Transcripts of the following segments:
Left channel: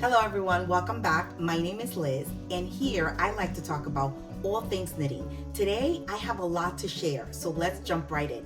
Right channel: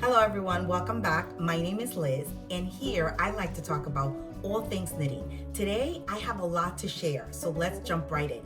Hello everyone, welcome back. My name is Liz, and here I like to talk about all things knitting. Today I have a lot to share, so let's jump right in.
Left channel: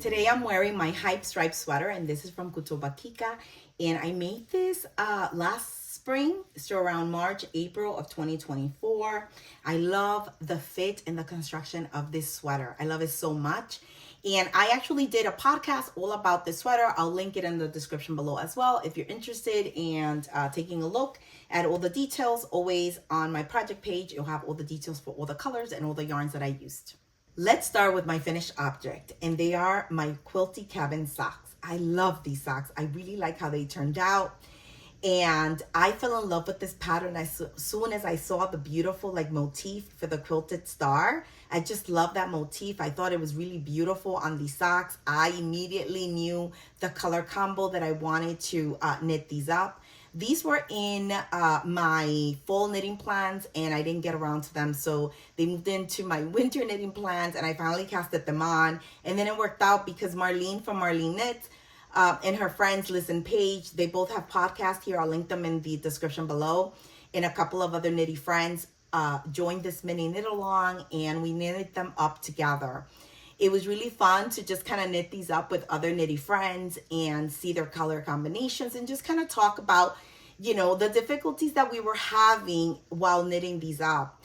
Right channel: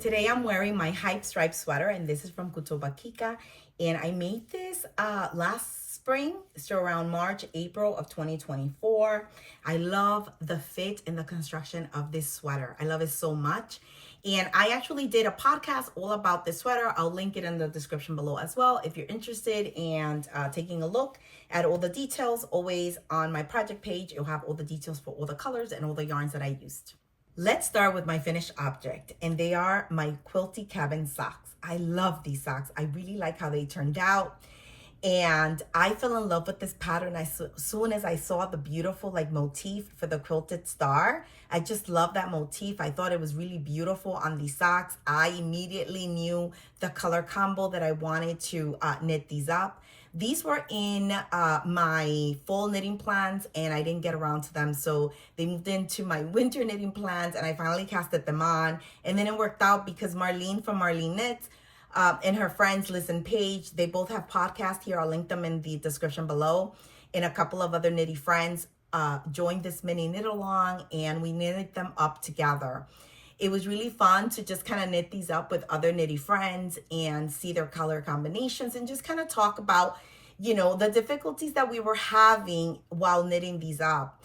Today I'm wearing my Hype Stripe sweater, and this is from Quilty, and I made this last spring, so around March, April of 2024. I love the fit and the construction of this sweater. I love it so much. And I actually did a podcast all about this sweater. I'll link it in the description below as well if you're interested and taking a look at all the details. Always on my project page, you'll have all the details for all the colors and all the yarns that I used. Let's start with my finished object, and they are my Quilty cabin socks. I love these socks. I really like how they turned out. And I fell in love with this pattern as soon as I saw the beautiful like motif for the quilted star. I just love that motif. I thought it was really beautiful on these socks. I immediately knew the color combo that I wanted to knit these up. These were in my fall knitting plans and I didn't get around to them. So they moved into my winter knitting plans and I finally casted them on. And then it worked out because Marlene from Marlene Knits and her friends Listen Page, they both have podcasts here. I'll link them in the description below. And a couple of other knitty friends joined this mini knit along and we knitted them up together. It was really fun to just kind of knit these up with other knitty friends and see their color combinations and just kind of talk about, you know, the difficulties that we were having while knitting these up.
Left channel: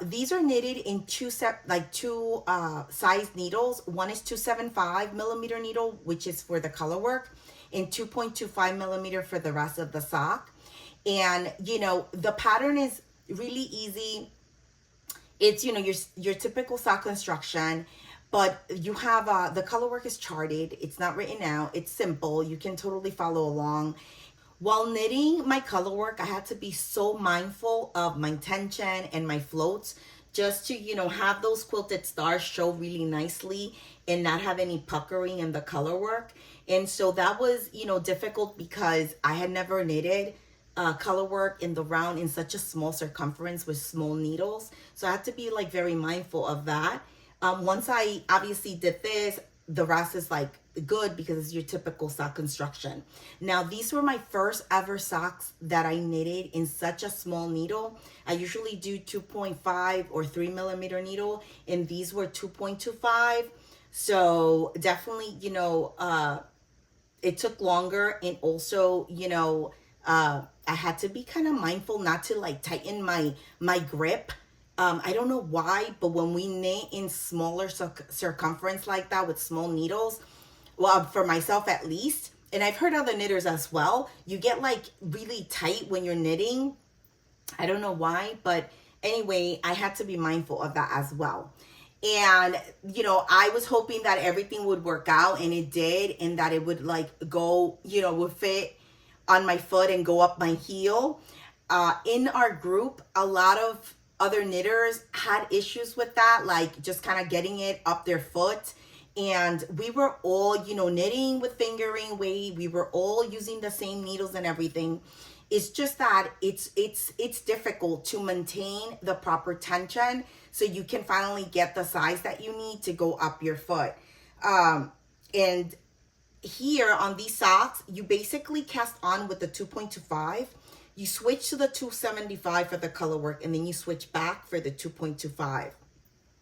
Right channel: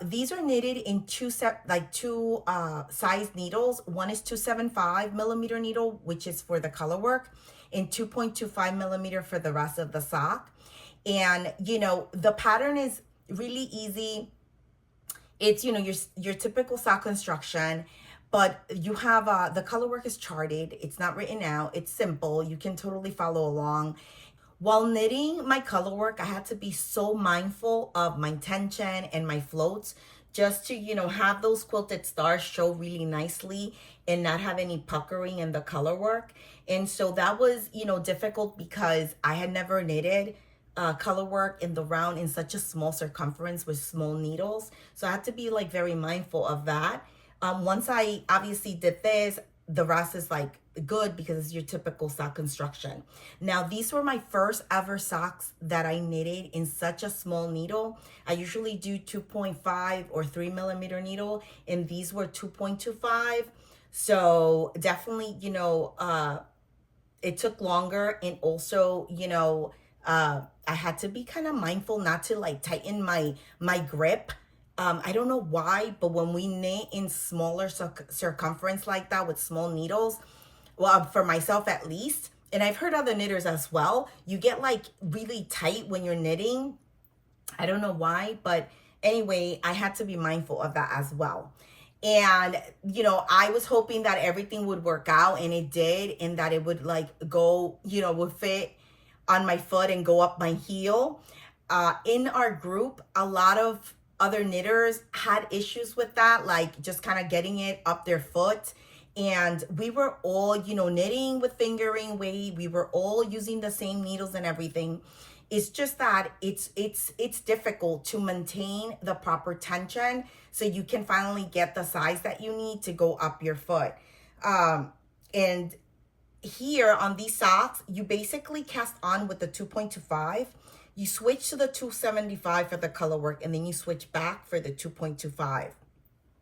These are knitted in two size needles. One is 275 millimeter needle, which is for the color work, and 2.25 millimeter for the rest of the sock. And, you know, the pattern is really easy. It's, you know, your typical sock construction, but you have, the color work is charted. It's not written out. It's simple. You can totally follow along. While knitting my color work, I had to be so mindful of my tension and my floats just to, you know, have those quilted stars show really nicely and not have any puckering in the color work. And so that was, you know, difficult because I had never knitted color work in the round in such a small circumference with small needles. So I had to be like very mindful of that. Once I obviously did this, the rest is like good because it's your typical sock construction. Now, these were my first ever socks that I knitted in such a small needle. I usually do 2.5 or 3 millimeter needle, and these were 2.25. So definitely, you know, it took longer, and also, you know, I had to be kind of mindful not to like tighten my grip. I don't know why, but when we knit in smaller circumference like that with small needles, well, for myself at least, and I've heard other knitters as well, you get like really tight when you're knitting. I don't know why, but anyway, I had to be mindful of that as well. And, you know, I was hoping that everything would work out, and it did, and that it would like go, you know, would fit on my foot and go up my heel. In our group, a lot of other knitters had issues with that, like just kind of getting it up their foot. And we were all, you know, knitting with fingering weight. We were all using the same needles and everything. It's just that it's difficult to maintain the proper tension so you can finally get the size that you need to go up your foot. And here on these socks, you basically cast on with the 2.25. You switch to the 275 for the color work, and then you switch back for the 2.25.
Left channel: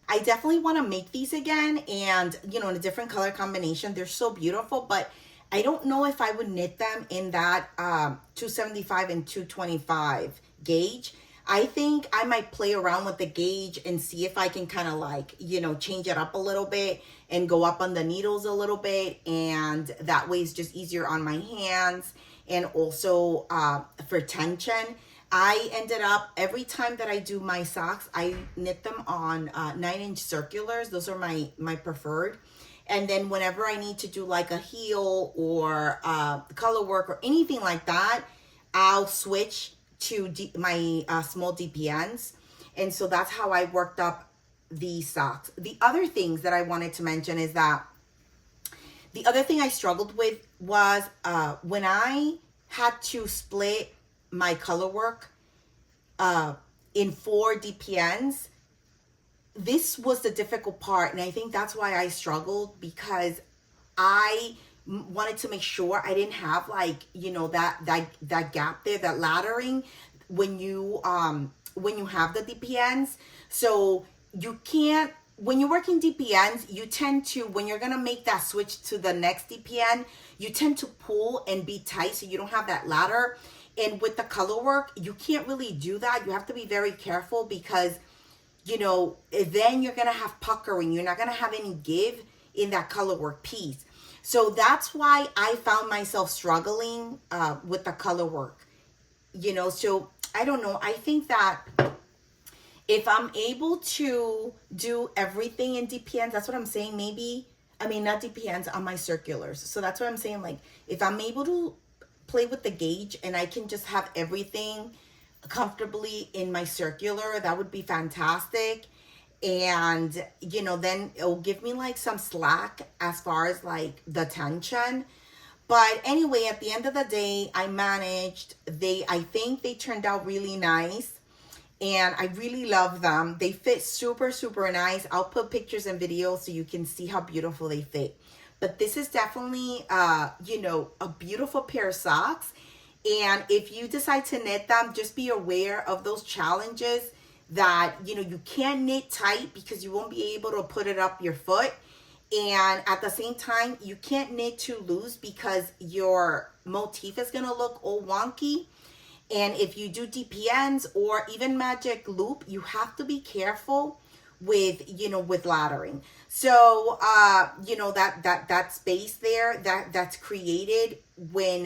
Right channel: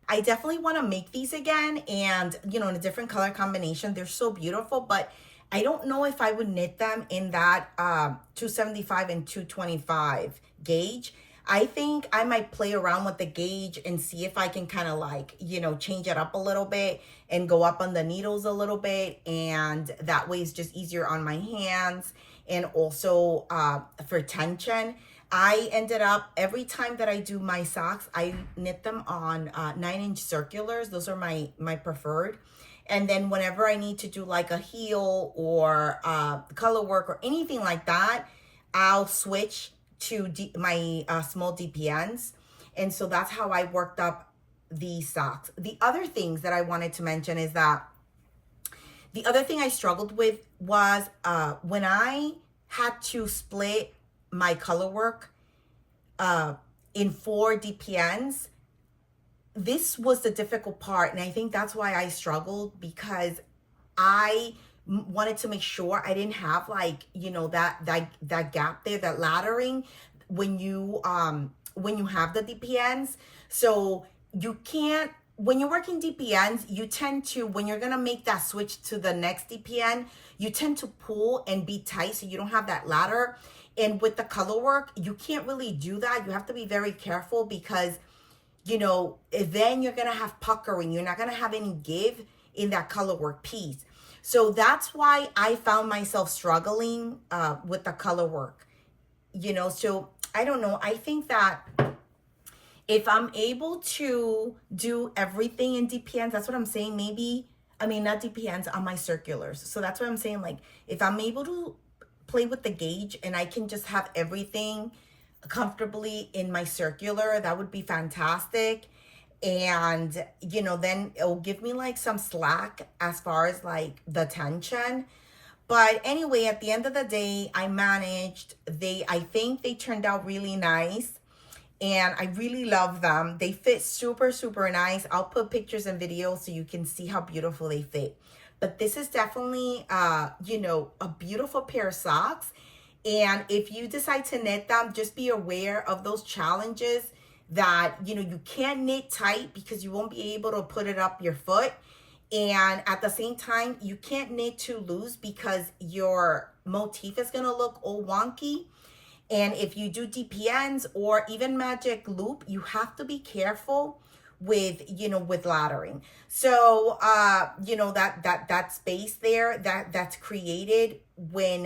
I definitely want to make these again, and, you know, in a different color combination. They're so beautiful, but I don't know if I would knit them in that 275 and 225 gauge. I think I might play around with the gauge and see if I can kind of like, you know, change it up a little bit and go up on the needles a little bit. And that way it's just easier on my hands. And also for tension, I ended up, every time that I do my socks, I knit them on 9-inch circulars. Those are my preferred. And then whenever I need to do like a heel or color work or anything like that, I'll switch to my small DPNs. And so that's how I worked up these socks. The other things that I wanted to mention is that the other thing I struggled with was when I had to split my color work in 4 DPNs, this was the difficult part. And I think that's why I struggled, because I wanted to make sure I didn't have like, you know, that gap there, that laddering when you have the DPNs. So you can't, when you're working DPNs, you tend to, when you're gonna make that switch to the next DPN, you tend to pull and be tight so you don't have that ladder. And with the color work, you can't really do that. You have to be very careful because, you know, then you're gonna have puckering. You're not gonna have any give in that color work piece. So that's why I found myself struggling with the color work, you know. So I don't know. I think that if I'm able to do everything in DPNs, that's what I'm saying. Maybe, I mean, not DPNs, on my circulars. So that's what I'm saying. Like, if I'm able to play with the gauge and I can just have everything comfortably in my circular, that would be fantastic. And, you know, then it'll give me like some slack as far as like the tension. But anyway, at the end of the day, I managed. I think they turned out really nice. And I really love them. They fit super, super nice. I'll put pictures and videos so you can see how beautiful they fit. But this is definitely, you know, a beautiful pair of socks. And if you decide to knit them, just be aware of those challenges that, you know, you can't knit tight because you won't be able to put it up your foot. And at the same time, you can't knit too loose because your motif is going to look all wonky. And if you do DPNs or even magic loop, you have to be careful with, you know, with laddering. So, you know, that space there that's created when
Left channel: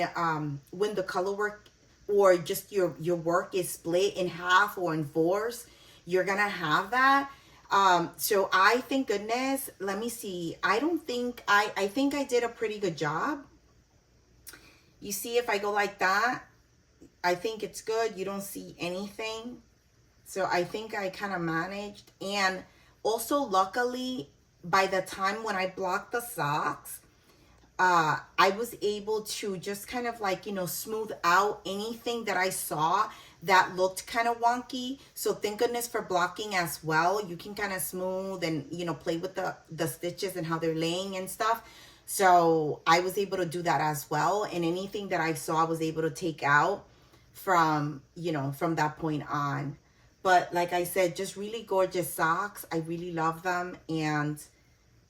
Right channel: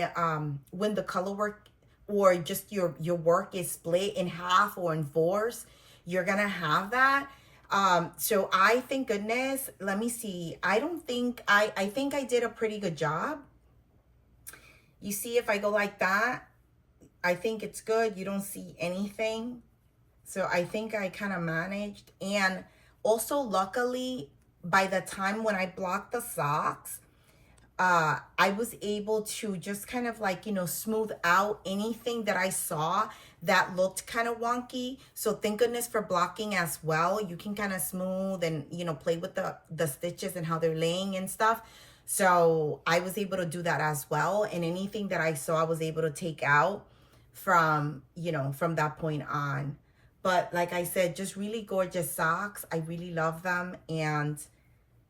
the color work or just your work is split in half or in fours, you're gonna have that. So I thank goodness. Let me see. I think I did a pretty good job. You see, if I go like that, I think it's good. You don't see anything. So I think I kind of managed. And also, luckily, by the time when I blocked the socks, I was able to just kind of like, you know, smooth out anything that I saw that looked kind of wonky. So thank goodness for blocking as well. You can kind of smooth and, you know, play with the stitches and how they're laying and stuff. So I was able to do that as well. And anything that I saw, I was able to take out from, you know, from that point on. But like I said, just really gorgeous socks. I really love them. And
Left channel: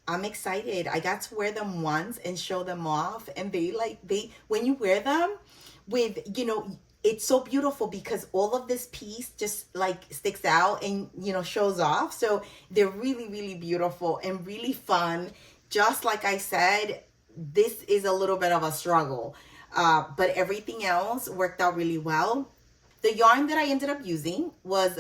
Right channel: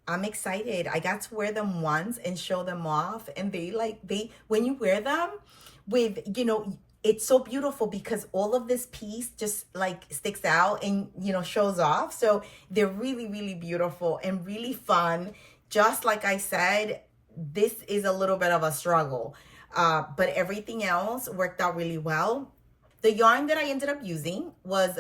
I'm excited. I got to wear them once and show them off. And when you wear them with, you know, it's so beautiful because all of this piece just like sticks out and, you know, shows off. So they're really, really beautiful and really fun. Just like I said, this is a little bit of a struggle. But everything else worked out really well. The yarn that I ended up using was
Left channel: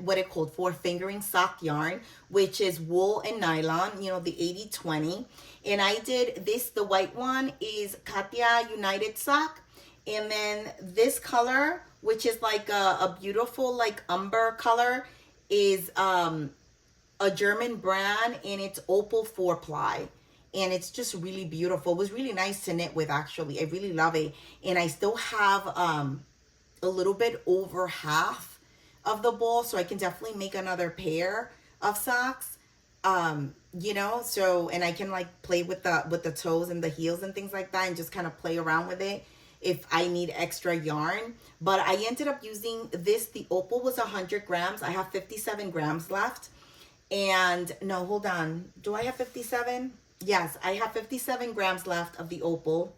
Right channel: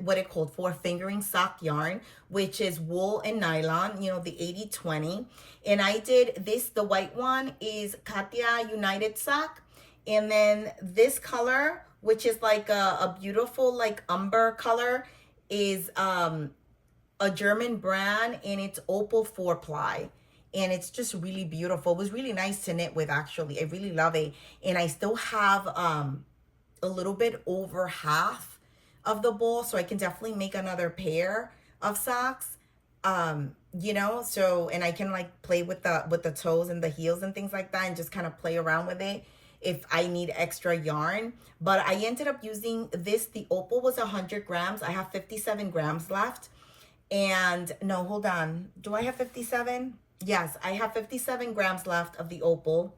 what it called for fingering sock yarn, which is wool and nylon, you know, the 80-20. And I did this, the white one is Katia United sock. And then this color, which is like a beautiful like umber color, is a German brand, and it's Opal 4-ply. And it's just really beautiful. It was really nice to knit with, actually. I really love it. And I still have a little bit over half of the ball, so I can definitely make another pair of socks. You know, so, and I can like play with the toes and the heels and things like that, and just kind of play around with it if I need extra yarn. But I ended up using this. The Opal was 100 grams. I have 57 grams left. And no, hold on. Do I have 57? Yes, I have 57 grams left of the Opal.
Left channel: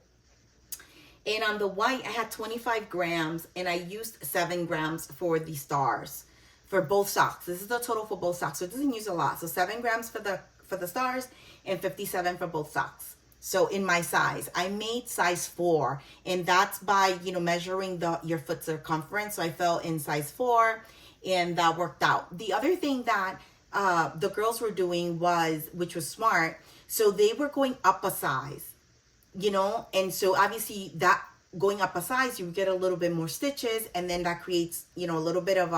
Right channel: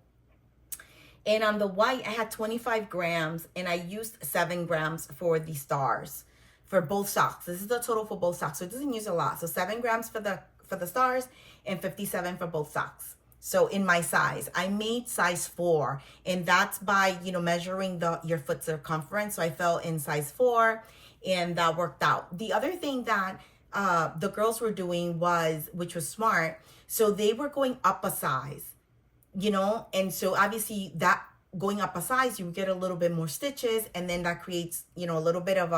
And on the white, I had 25 grams, and I used 7 grams for the stars for both socks. This is the total for both socks, so it doesn't use a lot. So 7 grams for the stars and 57 for both socks. So in my size, I made size 4, and that's by, you know, measuring your foot circumference. So I fell in size 4, and that worked out. The other thing that the girls were doing which was smart, so they were going up a size, you know, and so obviously that going up a size, you get a little bit more stitches, and then that creates, you know, a little bit of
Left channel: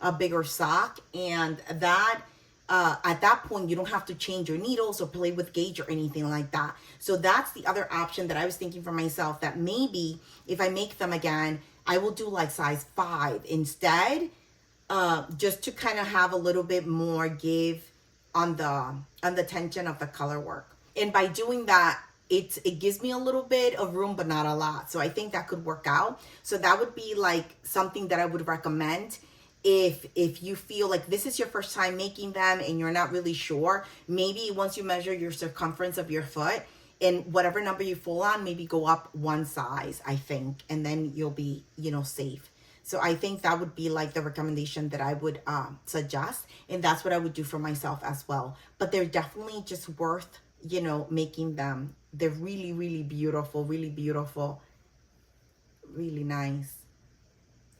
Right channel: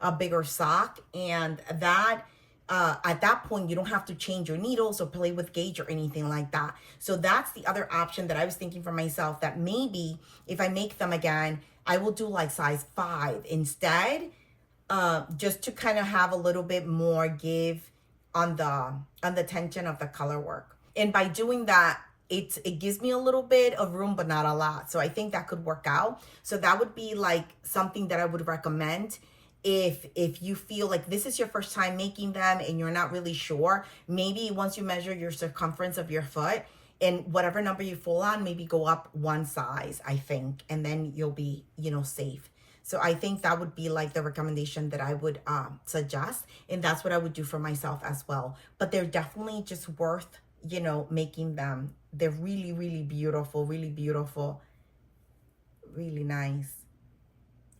a bigger sock. And that at that point, you don't have to change your needles or play with gauge or anything like that. So that's the other option that I was thinking for myself, that maybe if I make them again, I will do like size 5 instead, just to kind of have a little bit more give on the tension of the color work. And by doing that, it gives me a little bit of room, but not a lot. So I think that could work out. So that would be like something that I would recommend if you feel like this is your first time making them and you're not really sure. Maybe once you measure your circumference of your foot and whatever number you fall on, maybe go up one size, I think, and then you'll be, you know, safe. So I think that would be like the recommendation that I would suggest. And that's what I would do for myself as well. But they're definitely just worth, you know, making them. They're really, really beautiful, really nice.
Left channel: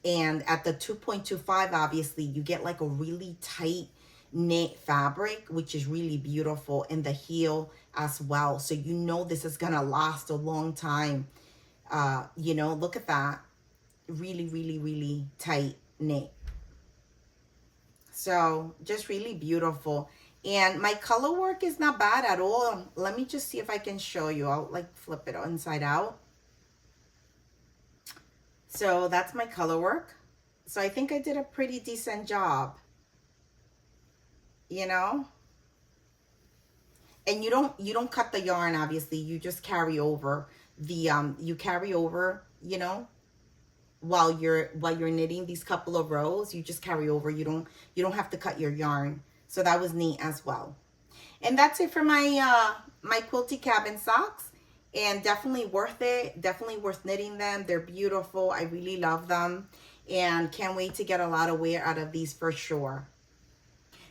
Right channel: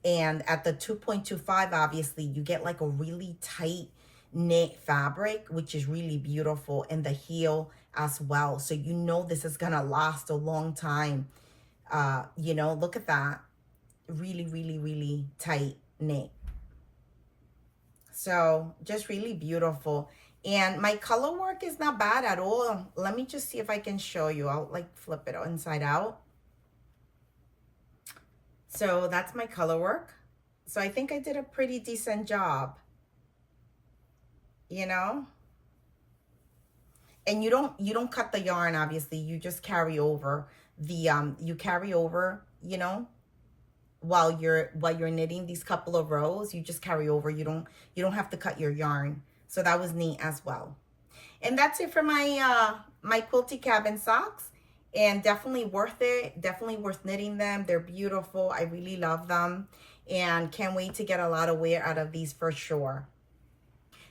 And at the 2.25, obviously, you get like a really tight knit fabric, which is really beautiful, and the heel as well. So you know this is gonna last a long time. You know, look at that. Really, really, really tight knit. So just really beautiful. And my color work is not bad at all. Let me just see if I can show you. I'll like flip it inside out. So that's my color work. So I think I did a pretty decent job, you know? And you don't cut the yarn, obviously. You just carry over the you know, while you're knitting these couple of rows, you just carry over. You don't have to cut your yarn. So that was neat as well. And that's it for my my Quilty cabin socks. And definitely worth it. Definitely worth knitting them. They're beautiful. I really love them. And can't wait to get a lot of wear out of these for sure.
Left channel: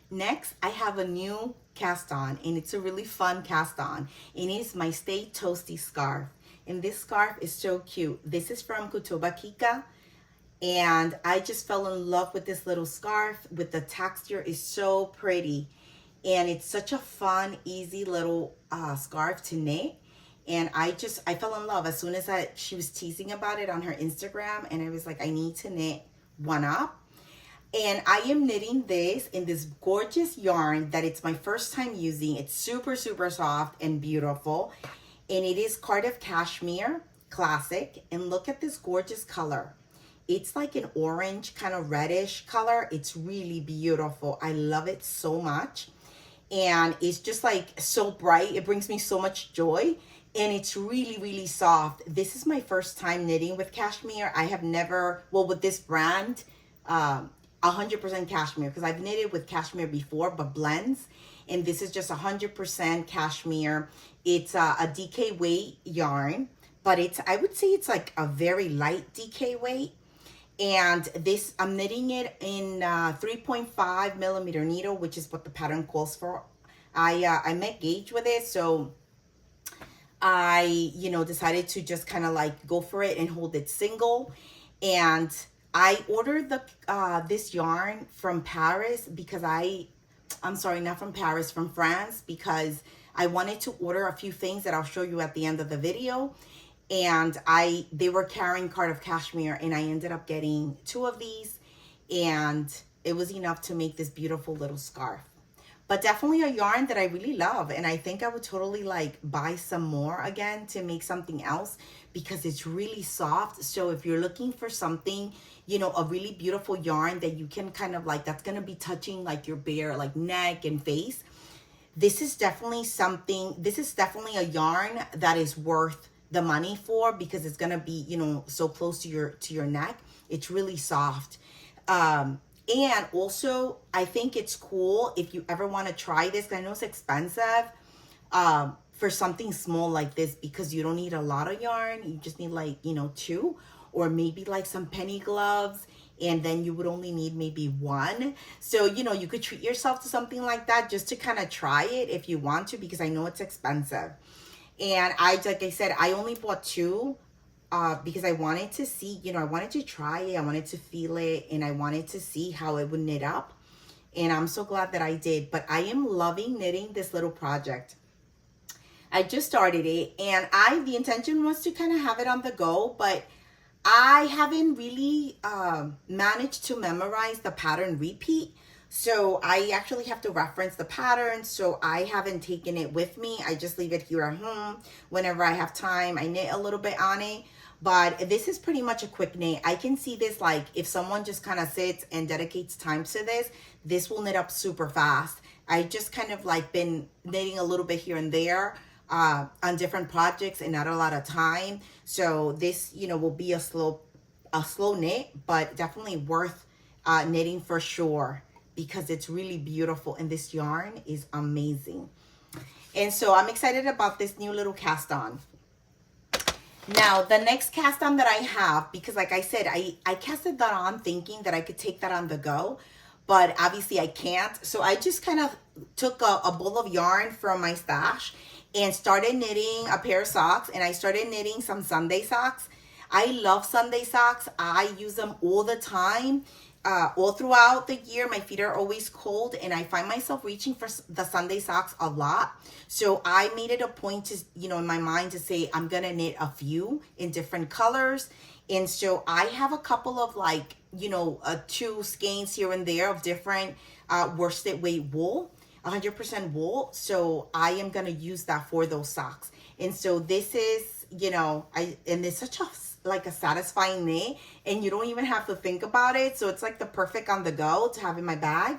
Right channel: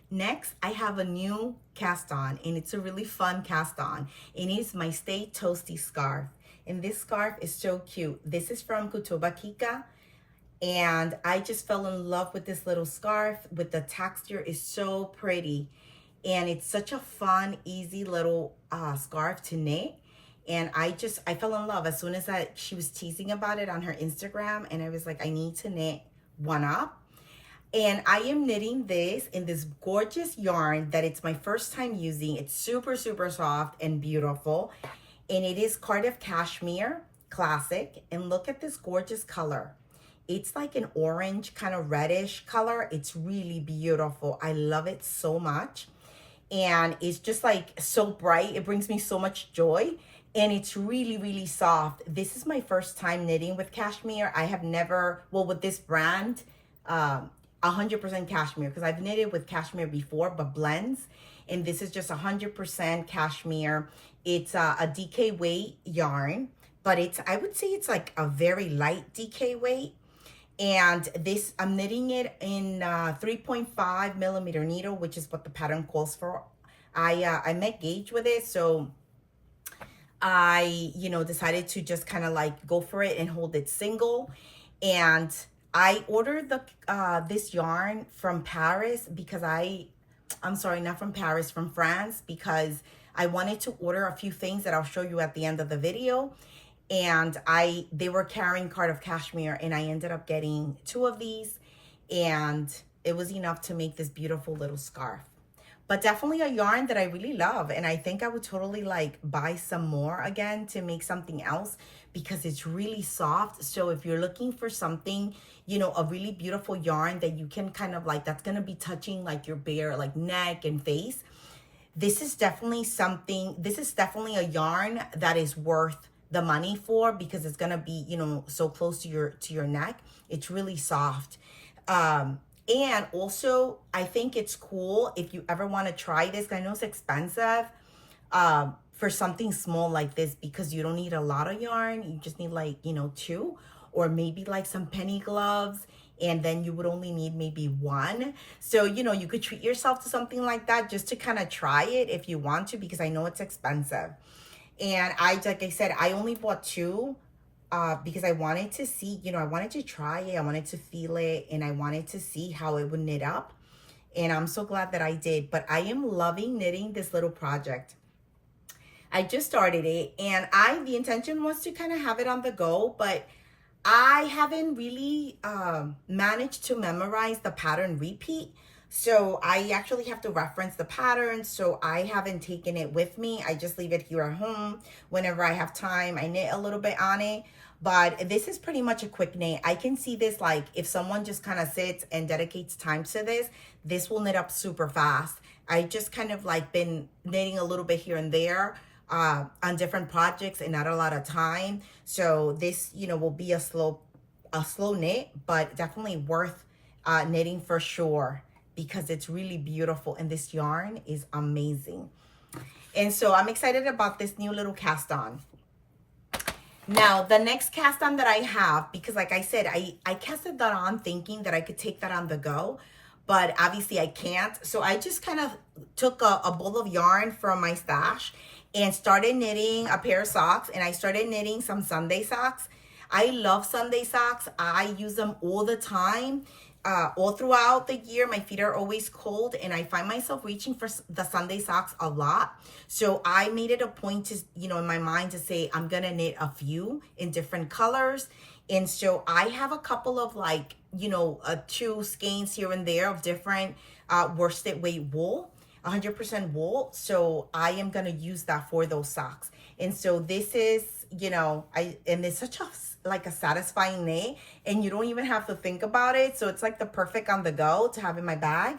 Next, I have a new cast on, and it's a really fun cast on. And it's my Stay Toasty scarf. And this scarf is so cute. This is from Katia. And I just fell in love with this little scarf. With the texture is so pretty. And it's such a fun, easy little scarf to knit. And I fell in love as soon as she was teasing about it on her Instagram. And I was like, I need to knit one up. And I am knitting this in this gorgeous yarn that it's my first time using. It's super, super soft and beautiful. And it is Cardiff Cashmere Classic. And look at this gorgeous color. It's like an orange kind of reddish color. It's really beautiful. I love it so much. And it's just like so bright. It brings me so much joy. And it's really, really soft. This is my first time knitting with cashmere. I have never, well, with this brand, 100% cashmere, because I've knitted with cashmere before, but blends. And this is just 100% cashmere. It's a DK weight yarn, but I would say it's like a very light DK weight. And this, I'm knitting it in 3.5 millimeter needle, which is what the pattern calls for. I met gauge with it, so I, you know, decided to just kind of like go for it and hold it single. And I ordered this yarn from Paris because I'm sorry, not from Paris, from France, because I wanted to order a few things that I'll show you at the end of the video. And they were carrying Cardiff Cashmere, and I ended up getting 2 of these, and it was enough to make this beautiful little scarf. But definitely a yarn that I really love, and I think I would totally like buy some more again to make something else because it's really soft. So if you're looking for something, you know, a really beautiful yarn that you can kind of like, that's gonna be touching like your bare like neck and face, this is definitely something, this is definitely a yarn that is worth the money for, because it's gonna be, you know, so close to your neck. It's really soft. And also, I think it's cool if you ever want to try this. I know it's expensive for something small like this, because you don't need a lot of yarn. You just need like, you know, 2 or maybe like some penny gloves. And then you would only need maybe 1. So, you know, you could treat yourself to something like that just to kind of try it if you want to, because I know it's expensive. And like I said, I only bought 2 because I wanted to see, you know, I wanted to try it. I wanted to feel it, and I wanted to see how it would knit up. And I'm so glad that I did. But I am loving knitting this little project. I just started it, and the intention was to kind of have it on the go, but I haven't really managed to memorize the pattern repeat. So I actually have to reference the pattern. So I haven't taken it with me. I just leave it here at home. Whenever I have time, I knit a little bit on it. But this is pretty much a quick knit. I can see this, like if someone just kind of sits and dedicates time to this will knit up super fast. I just kind of like been knitting a little bit here and there on different projects and not a lot of time. So this, you know, will be a slow knit, but definitely worth knitting for sure, because it's really beautiful and this yarn is amazing. And so I'm excited about this new little cast on. Now, the next cast on that I have, because like I said, I casted that on thinking that I could take that on the go, but obviously I can't. So I just kind of took a bowl of yarn from my stash and started knitting a pair of socks, and I started knitting some Sunday socks. I love Sunday socks. I use them all the time. All throughout the year, my feet are always cold, and I find myself reaching for the Sunday socks a lot. So I made it a point to, you know, in my mind to say I'm gonna knit a few in different colors. And so I have a couple of, like, you know, 2 skeins here and there of different worsted weight wool, 100% wool. So I am gonna use that for those socks. And so this is, you know, and it's such a like a satisfying knit, and you don't even have to think about it. So it's like the perfect on the go to have in my bag.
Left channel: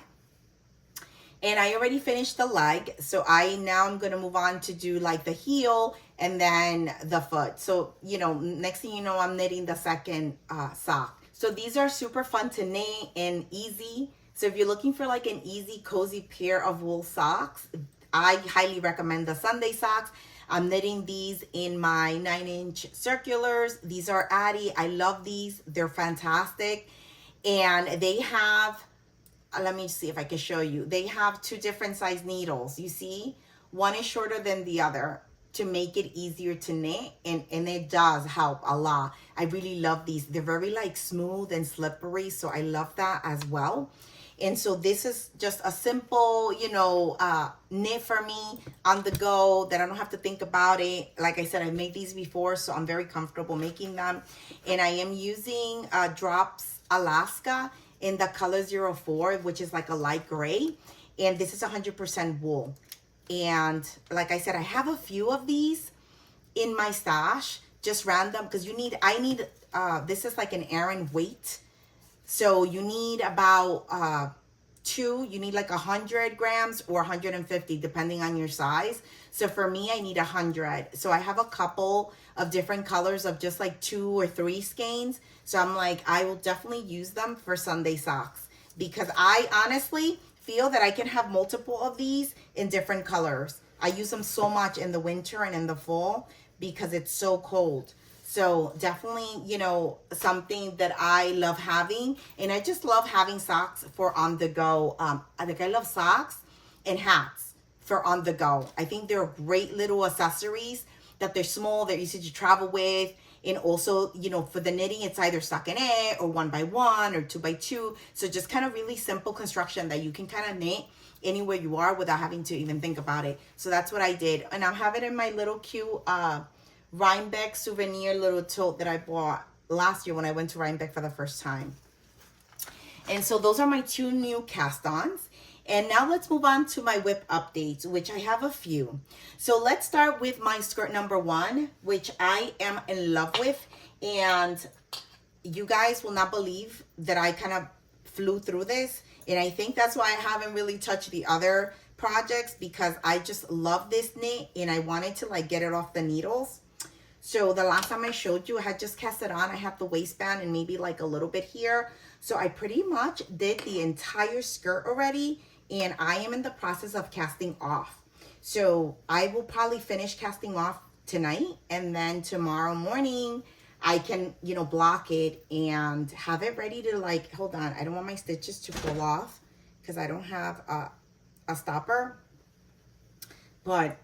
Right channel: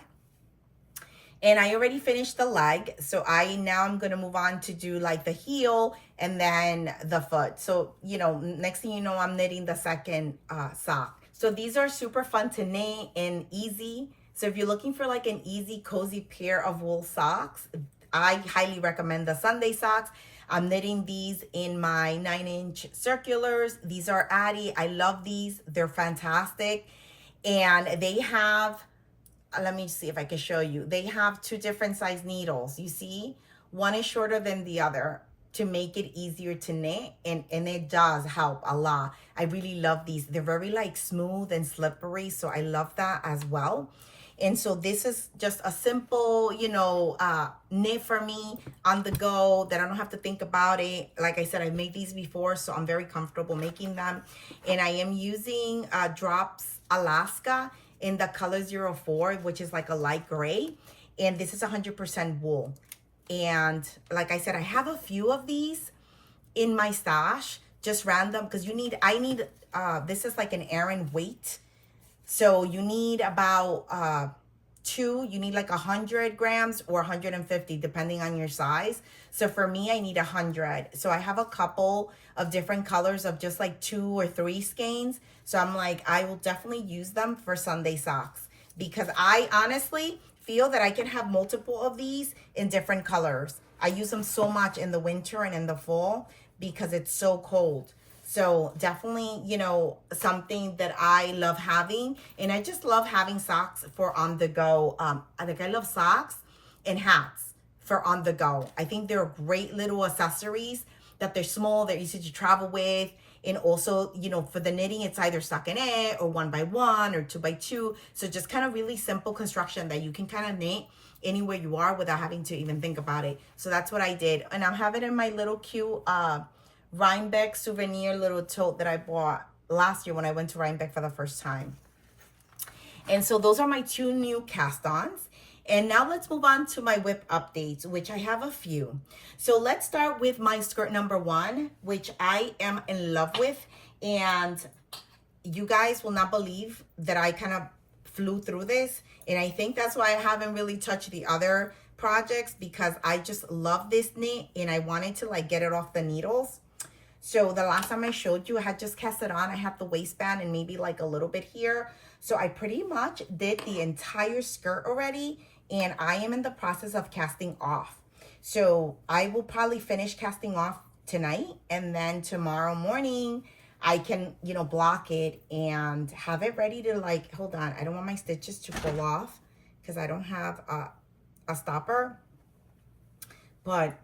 And I already finished the leg, so now I'm gonna move on to do like the heel and then the foot. So, you know, next thing you know, I'm knitting the second sock. So these are super fun to knit and easy. So if you're looking for like an easy, cozy pair of wool socks, I highly recommend the Sunday socks. I'm knitting these in my 9-inch circulars. These are Addie. I love these. They're fantastic. And they have, let me see if I can show you. They have 2 different size needles. You see, one is shorter than the other to make it easier to knit. And it does help a lot. I really love these. They're very like smooth and slippery. So I love that as well. And so this is just a simple, you know, knit for me on the go that I don't have to think about it. Like I said, I made these before, so I'm very comfortable making them. And I am using Drops Alaska in the color 04, which is like a light gray. And this is 100% wool. And like I said, I have a few of these in my stash, just random, because I need, this is like an Aran weight. So you need about 2, you need like 100 grams or 150, depending on your size. So for me, I need 100. So I have a couple of different colors of just like 2 or 3 skeins. So I'm like, I will definitely use them for Sunday socks, because I honestly feel that I can have multiple of these in different colors. I use them so much in the winter and in the fall because it's so cold. So definitely, you know, something that I love having. And I just love having socks for on the go. I love socks and hats for on the go. I think they're great little accessories, that they're small, they're easy to travel with. And also, you know, for the knitting, it's either stockinette or 1x1 or 2x2. So just kind of really simple construction that you can kind of knit anywhere you are without having to even think about it. So that's what I did. And I have it in my little cute Rhinebeck souvenir little tote that I bought last year when I went to Rhinebeck for the first time. And so those are my 2 new cast-ons. And now let's move on to my whip updates, which I have a few. So let's start with my skirt number 1, which I am in love with. And you guys will not believe that I kind of flew through this. And I think that's why I haven't really touched the other projects, because I just love this knit and I wanted to like get it off the needles. So the last time I showed you, I had just cast it on. I have the waistband and maybe like a little bit here. So I pretty much did the entire skirt already, and I am in the process of casting off. So I will probably finish casting off tonight, and then tomorrow morning I can, you know, block it and have it ready to like, hold on, I don't want my stitches to fall off because I don't have a stopper. But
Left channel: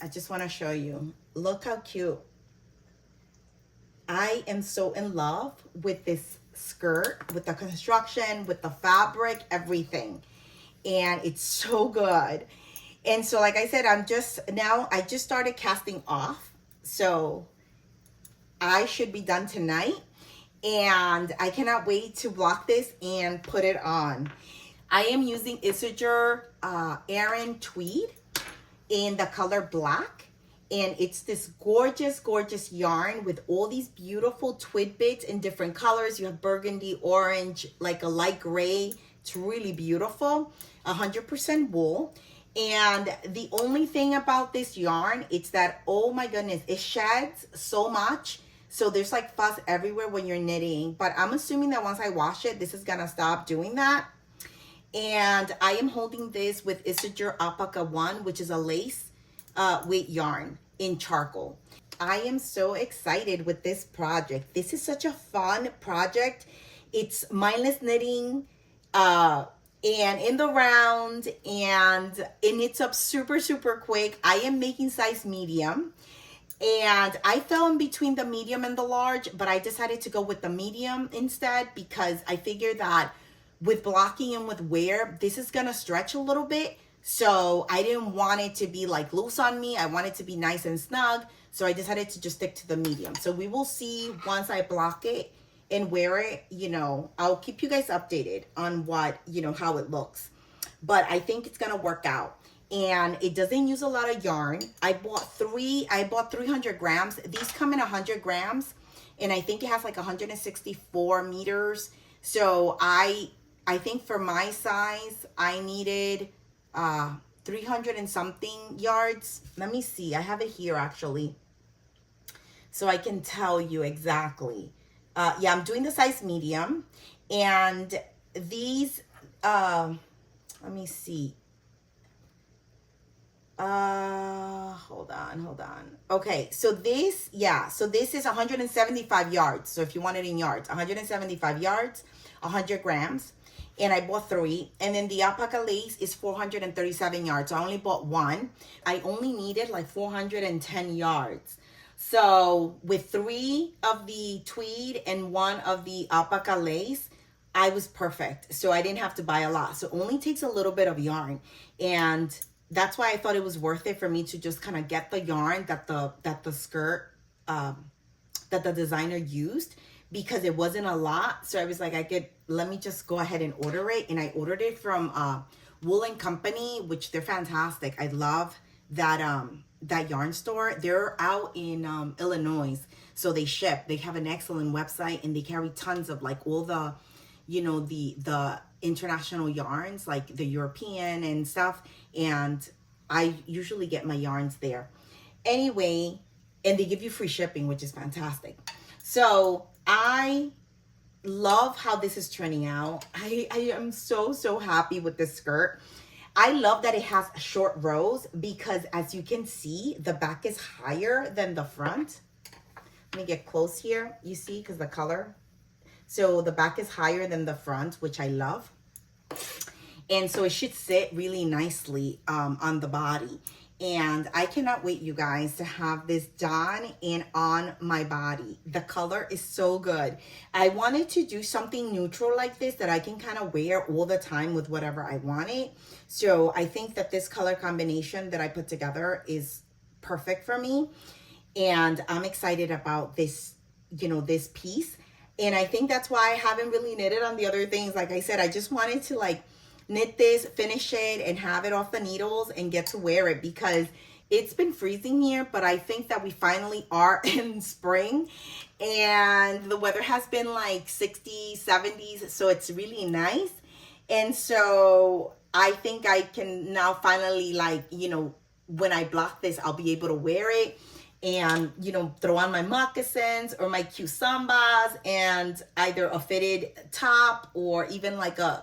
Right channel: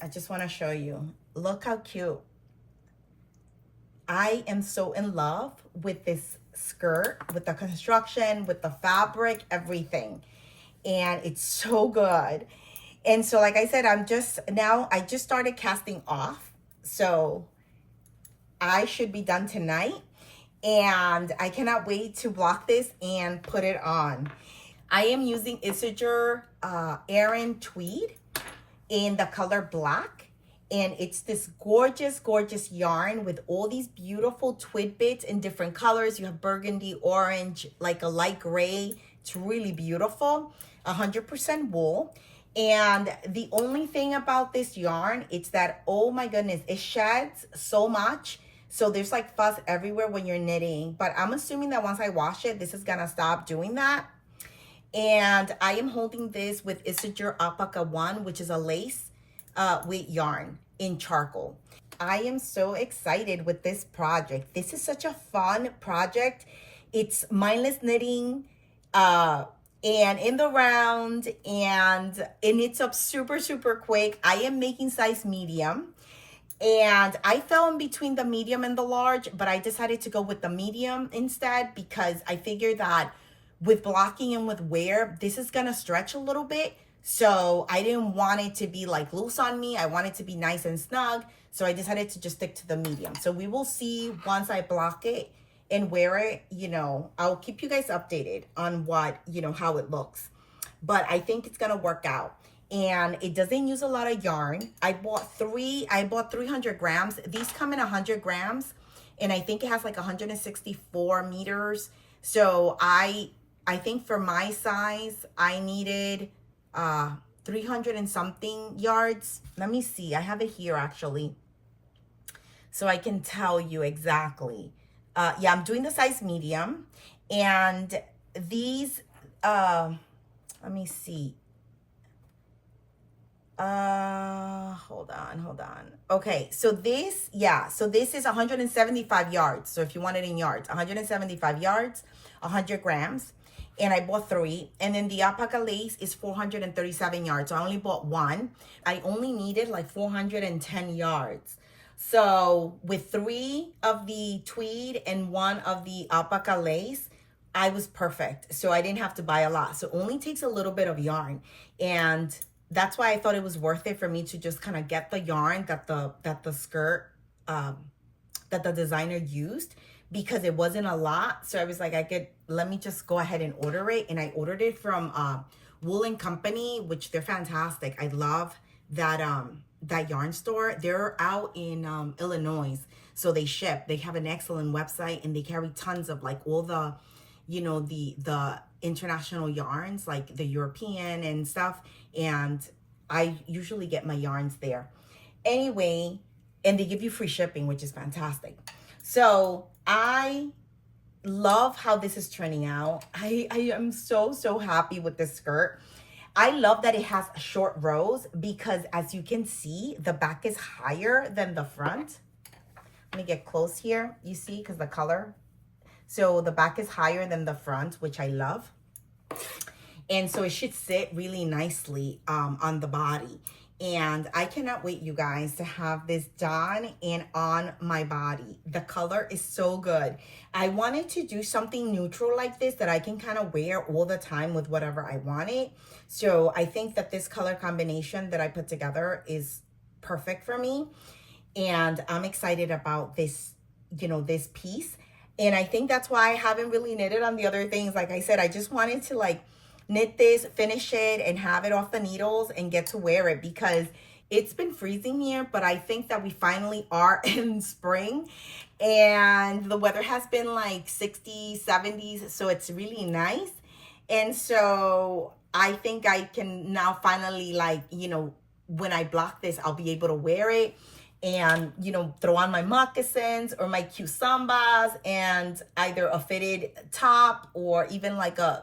I just want to show you. Look how cute. I am so in love with this skirt, with the construction, with the fabric, everything. And it's so good. And so like I said, I just started casting off. So I should be done tonight. And I cannot wait to block this and put it on. I am using Isager Aran Tweed in the color black. And it's this gorgeous, gorgeous yarn with all these beautiful twid bits in different colors. You have burgundy, orange, like a light gray. It's really beautiful. 100% wool. And the only thing about this yarn, it's that, oh my goodness, it sheds so much. So there's like fuss everywhere when you're knitting. But I'm assuming that once I wash it, this is gonna stop doing that. And I am holding this with Isager Alpaca 1, which is a lace weight yarn in charcoal. I am so excited with this project. This is such a fun project. It's mindless knitting, and in the round, and it knits up super, super quick. I am making size medium, and I fell in between the medium and the large, but I decided to go with the medium instead because I figured that with blocking and with wear, this is gonna stretch a little bit. So I didn't want it to be like loose on me. I want it to be nice and snug. So I decided to just stick to the medium. So we will see once I block it and wear it, you know, I'll keep you guys updated on what, you know, how it looks. But I think it's gonna work out. And it doesn't use a lot of yarn. I bought 300 grams. These come in 100 grams. And I think it has like 164 meters. So I think for my size, I needed 300 and something yards. Let me see, I have it here actually. So I can tell you exactly. Yeah, I'm doing the size medium, and these, let me see. Hold on. Okay, so this, yeah, so this is 175 yards. So if you want it in yards, 175 yards, 100 grams. And I bought 3. And then the alpaca lace is 437 yards. So I only bought 1. I only needed like 410 yards. So with 3 of the tweed and 1 of the alpaca lace, I was perfect. So I didn't have to buy a lot. So it only takes a little bit of yarn. And that's why I thought it was worth it for me to just kind of get the yarn that the skirt, that the designer used, because it wasn't a lot. So I was like, let me just go ahead and order it. And I ordered it from Wool & Company, which they're fantastic. I love that that yarn store. They're out in Illinois. So they ship. They have an excellent website, and they carry tons of like all the, you know, the international yarns, like the European and stuff. And I usually get my yarns there. Anyway, and they give you free shipping, which is fantastic. So I love how this is turning out. I am so happy with this skirt. I love that it has short rows, because as you can see, the back is higher than the front. Let me get close here. You see, because the color. So the back is higher than the front, which I love. And so it should sit really nicely on the body. And I cannot wait, you guys, to have this done and on my body. The color is so good. I wanted to do something neutral like this that I can kind of wear all the time with whatever I wanted. So I think that this color combination that I put together is perfect for me. And I'm excited about this, you know, this piece. And I think that's why I haven't really knitted on the other things. Like I said, I just wanted to like knit this, finish it, and have it off the needles and get to wear it, because it's been freezing here, but I think that we finally are in spring, and the weather has been like 60s, 70s, so it's really nice. And so I think I can now finally, like, you know, when I block this, I'll be able to wear it and, you know, throw on my moccasins or my cute sambas and either a fitted top or even like a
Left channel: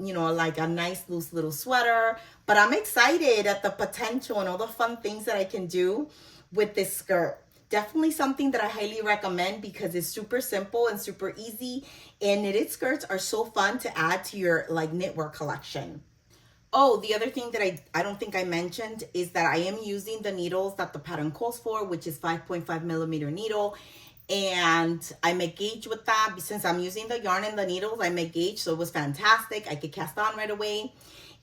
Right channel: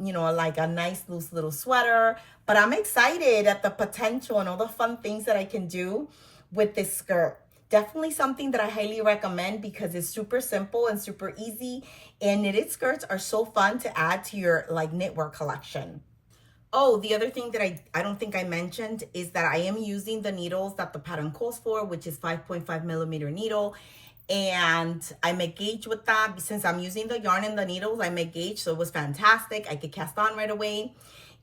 you know, like a nice loose little sweater. But I'm excited at the potential and all the fun things that I can do with this skirt. Definitely something that I highly recommend, because it's super simple and super easy, and knitted skirts are so fun to add to your like knitwear collection. Oh, the other thing that I don't think I mentioned is that I am using the needles that the pattern calls for, which is 5.5 millimeter needle. And I make gauge with that. Since I'm using the yarn and the needles, I make gauge, so it was fantastic. I could cast on right away.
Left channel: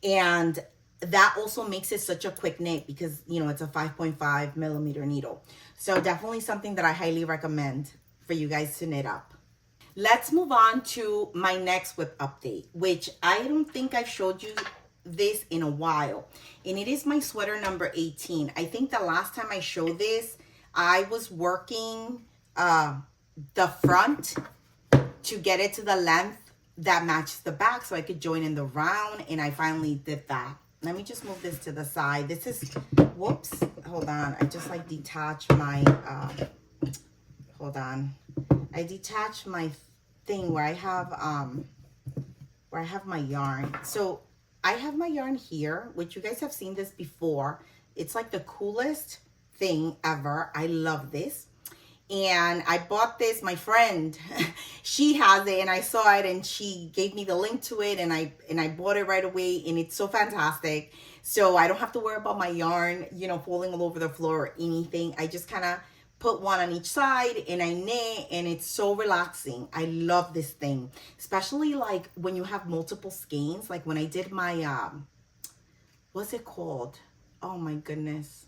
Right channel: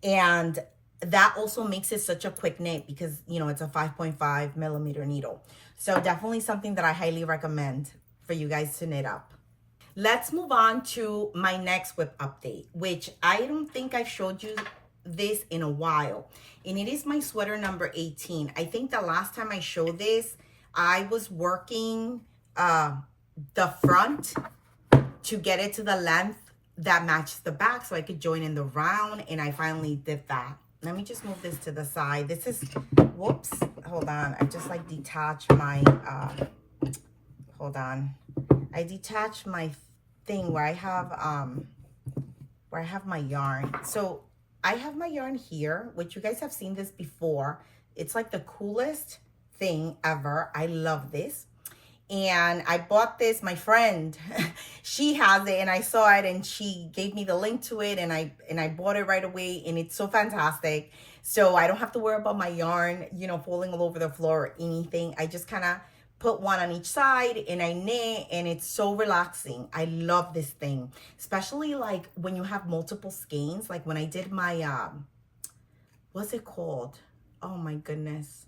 And that also makes it such a quick knit, because, you know, it's a 5.5 millimeter needle. So definitely something that I highly recommend for you guys to knit up. Let's move on to my next whip update, which I don't think I've showed you this in a while. And it is my sweater number 18. I think the last time I showed this, I was working the front to get it to the length that matches the back so I could join in the round, and I finally did that. let me just move this to the side. This is, whoops, hold on. I just like detached my, hold on. I detached my thing where I have my yarn. So I have my yarn here, which you guys have seen this before. It's like the coolest thing ever. I love this. And I bought this, my friend, she has it, and I saw it and she gave me the link to it, and I bought it right away, and it's so fantastic. So I don't have to worry about my yarn, you know, falling all over the floor or anything. I just kind of put one on each side and I knit, and it's so relaxing. I love this thing, especially like when you have multiple skeins. Like when I did my, what's it called? Oh my goodness.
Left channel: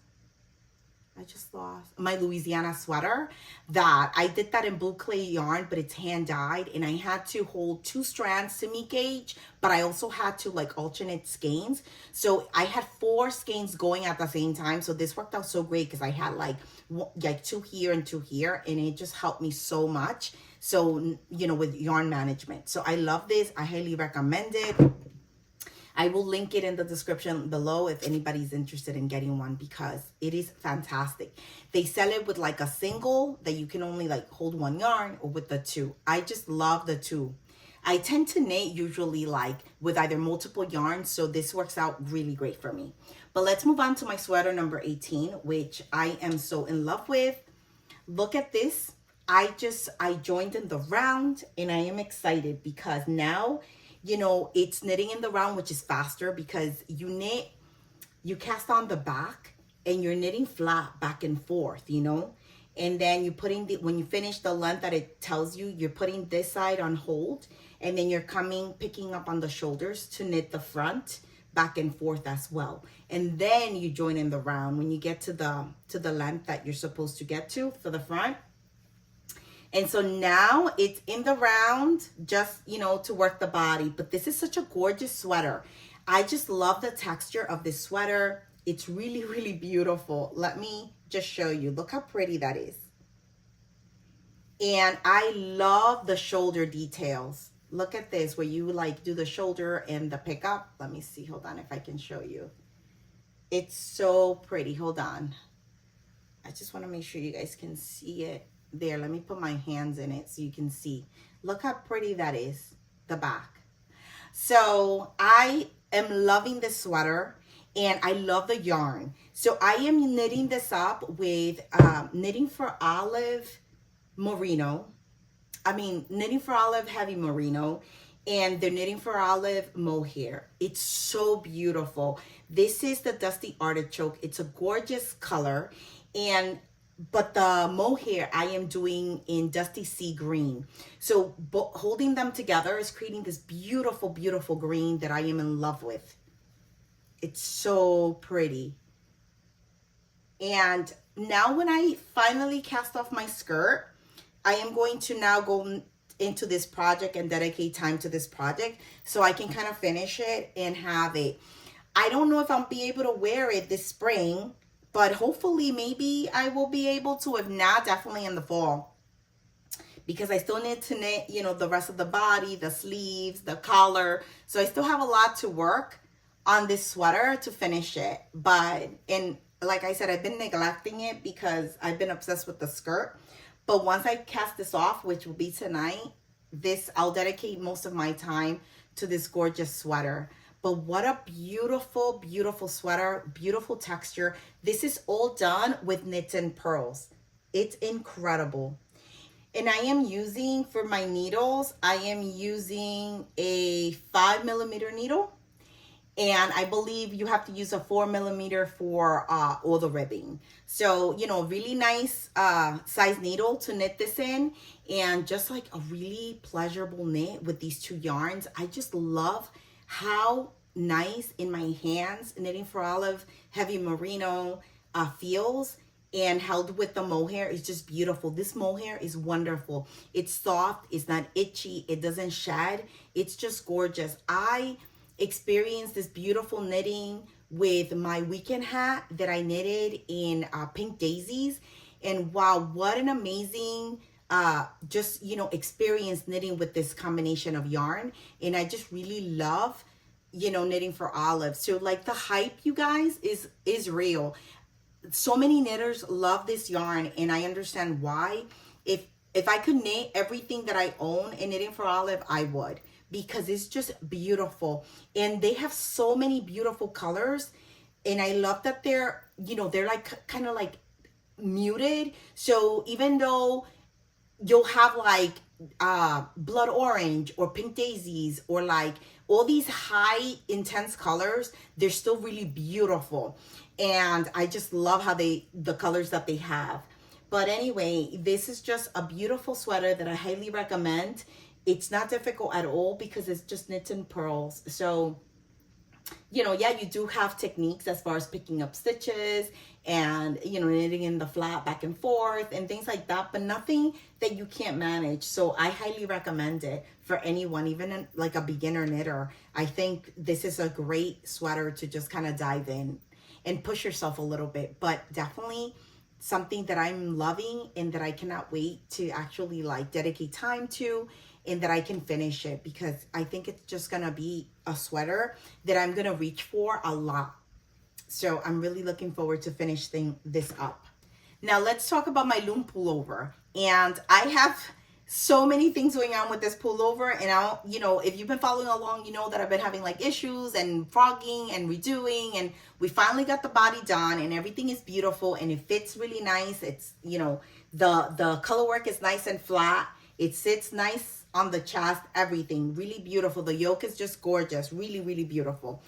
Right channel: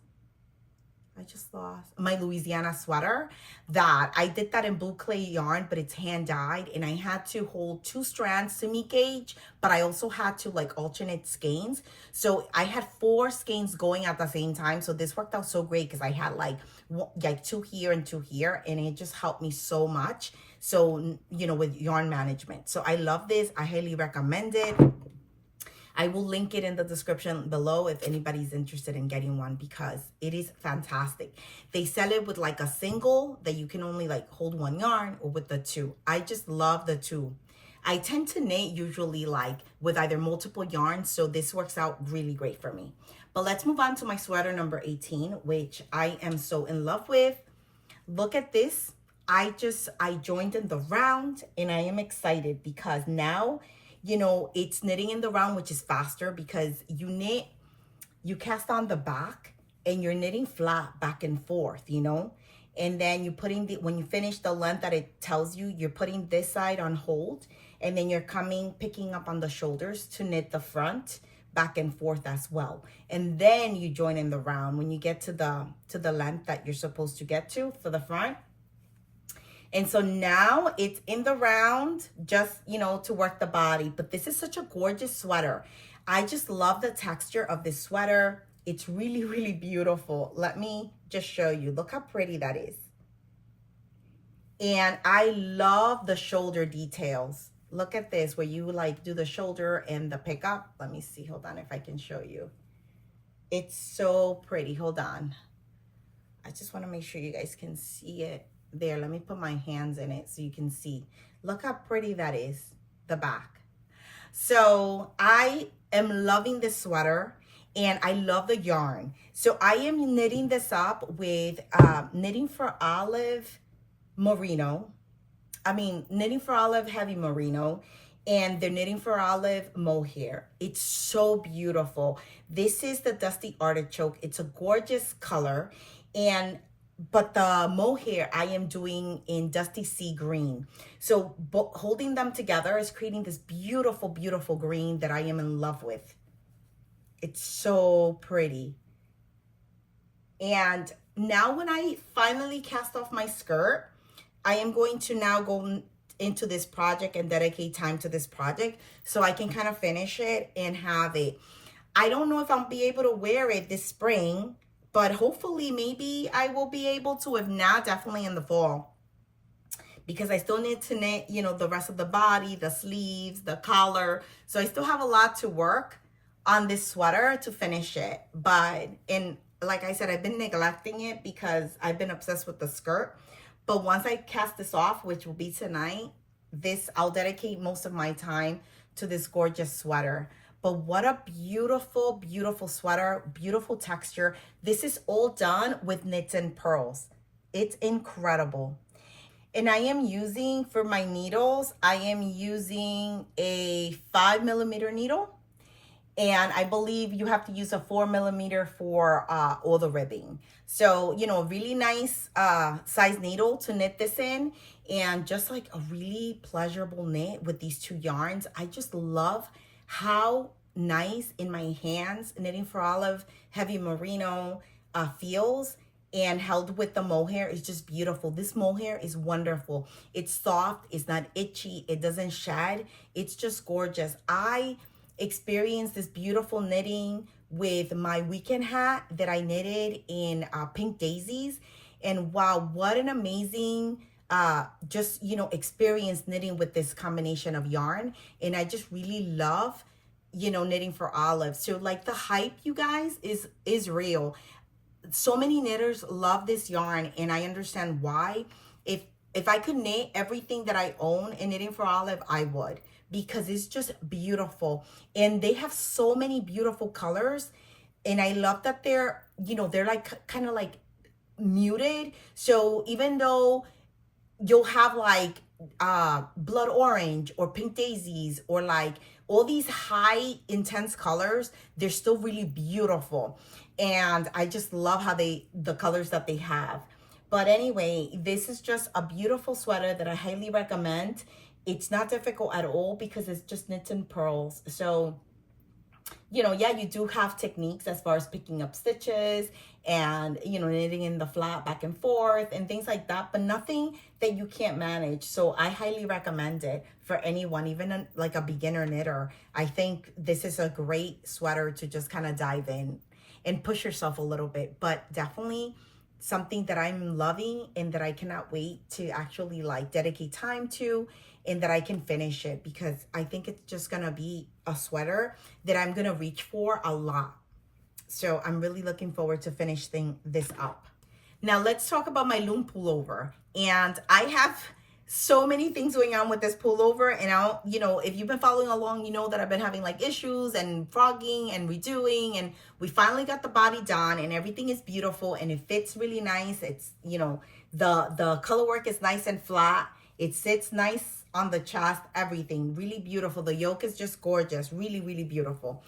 I just lost my Louisiana sweater. That I did that in blue clay yarn, but it's hand dyed, and I had to hold 2 strands semi-gauge, but I also had to like alternate skeins. So I had 4 skeins going at the same time. So this worked out so great because I had like 2 here and 2 here, and it just helped me so much. So, you know, with yarn management. So I love this. I highly recommend it. I will link it in the description below if anybody's interested in getting one, because it is fantastic. They sell it with like a single that you can only like hold 1 yarn, or with the 2. I just love the 2. I tend to knit usually like with either multiple yarns, so this works out really great for me. But let's move on to my sweater number 18, which I am so in love with. Look at this. I joined in the round, and I am excited because now, you know, it's knitting in the round, which is faster because you cast on the back and you're knitting flat back and forth, you know, and then you're putting when you finish the length that it tells you, you're putting this side on hold, and then you're picking up on the shoulders to knit the front back and forth as well. And then you join in the round when you get to the length that you're supposed to get to for the front. And so now it's in the round, just, you know, to work the body. But this is such a gorgeous sweater. I just love the texture of this sweater. It's really, really beautiful. Let me just show you. Look how pretty that is. And I love the shoulder details. Look at this, where you like do the shoulder and the pickup. Let me see. Hold on if I can show you. It's so pretty. Hold on. I just want to make sure you guys can see it. There, let me put my hands in it so you can see. Look how pretty that is, the back. So I am loving this sweater, and I love the yarn. So I am knitting this up with Knitting for Olive Merino. Knitting for Olive Heavy Merino, and the Knitting for Olive mohair. It's so beautiful. This is the Dusty Artichoke. It's a gorgeous color, but the mohair I am doing in Dusty Sea Green. So holding them together is creating this beautiful, beautiful green that I am in love with. It's so pretty. And now when I finally cast off my skirt, I am going to now go into this project and dedicate time to this project so I can kind of finish it and have it. I don't know if I'll be able to wear it this spring, but hopefully maybe I will be able to. If not, definitely in the fall, because I still need to knit, you know, the rest of the body, the sleeves, the collar. So I still have a lot to work on this sweater to finish it. But, and like I said, I've been neglecting it because I've been obsessed with the skirt. But once I cast this off, which will be tonight, I'll dedicate most of my time to this gorgeous sweater. But what a beautiful, beautiful sweater, beautiful texture. This is all done with knits and pearls. It's incredible. And I am using, for my needles, I am using a 5mm needle. And I believe you have to use a 4mm for all the ribbing. So, you know, really nice size needle to knit this in. And just like a really pleasurable knit with these 2 yarns. I just love how nice in my hands Knitting for Olive Heavy Merino feels, and held with the mohair is just beautiful. This mohair is wonderful. It's soft, it's not itchy, it doesn't shed. It's just gorgeous. I experienced this beautiful knitting with my weekend hat that I knitted in Pink Daisies, and wow, what an amazing just, you know, experience knitting with this combination of yarn. And I just really love you know, knitting for Olive. So like the hype, you guys, is real. So many knitters love this yarn, and I understand why. If I could knit everything that I own in Knitting for Olive, I would, because it's just beautiful. And they have so many beautiful colors. And I love that they're, you know, they're like kind of like muted. So even though you'll have like blood orange or pink daisies or like all these high intense colors, they're still really beautiful. And I just love how the colors that they have. But anyway, this is just a beautiful sweater that I highly recommend. It's not difficult at all because it's just knits and purls. So, you know, yeah, you do have techniques as far as picking up stitches and, you know, knitting in the flat back and forth and things like that, but nothing that you can't manage. So I highly recommend it for anyone, even like a beginner knitter. I think this is a great sweater to just kind of dive in and push yourself a little bit, but definitely something that I'm loving and that I cannot wait to actually like dedicate time to, and that I can finish it, because I think it's just gonna be a sweater that I'm gonna reach for a lot. So I'm really looking forward to finishing this up. Now let's talk about my Lumme Pullover. And I have so many things going on with this pullover, and I'll, you know, if you've been following along, you know that I've been having like issues and frogging and redoing, and we finally got the body done and everything is beautiful and it fits really nice. It's, you know, the color work is nice and flat. It sits nice on the chest, everything really beautiful. The yoke is just gorgeous, really, really beautiful.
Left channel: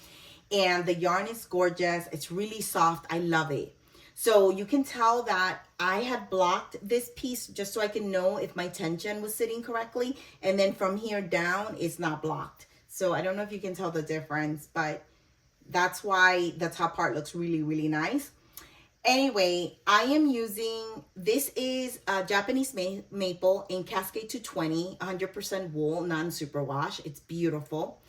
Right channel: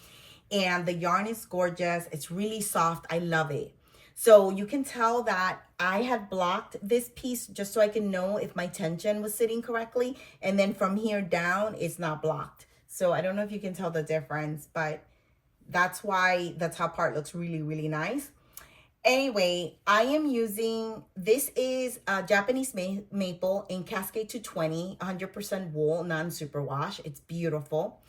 And the yarn is gorgeous. It's really soft. I love it. So you can tell that I had blocked this piece just so I can know if my tension was sitting correctly. And then from here down, it's not blocked. So I don't know if you can tell the difference, but that's why the top part looks really, really nice. Anyway, I am using, this is a Japanese maple in Cascade 220, 100% wool, non-superwash. It's beautiful.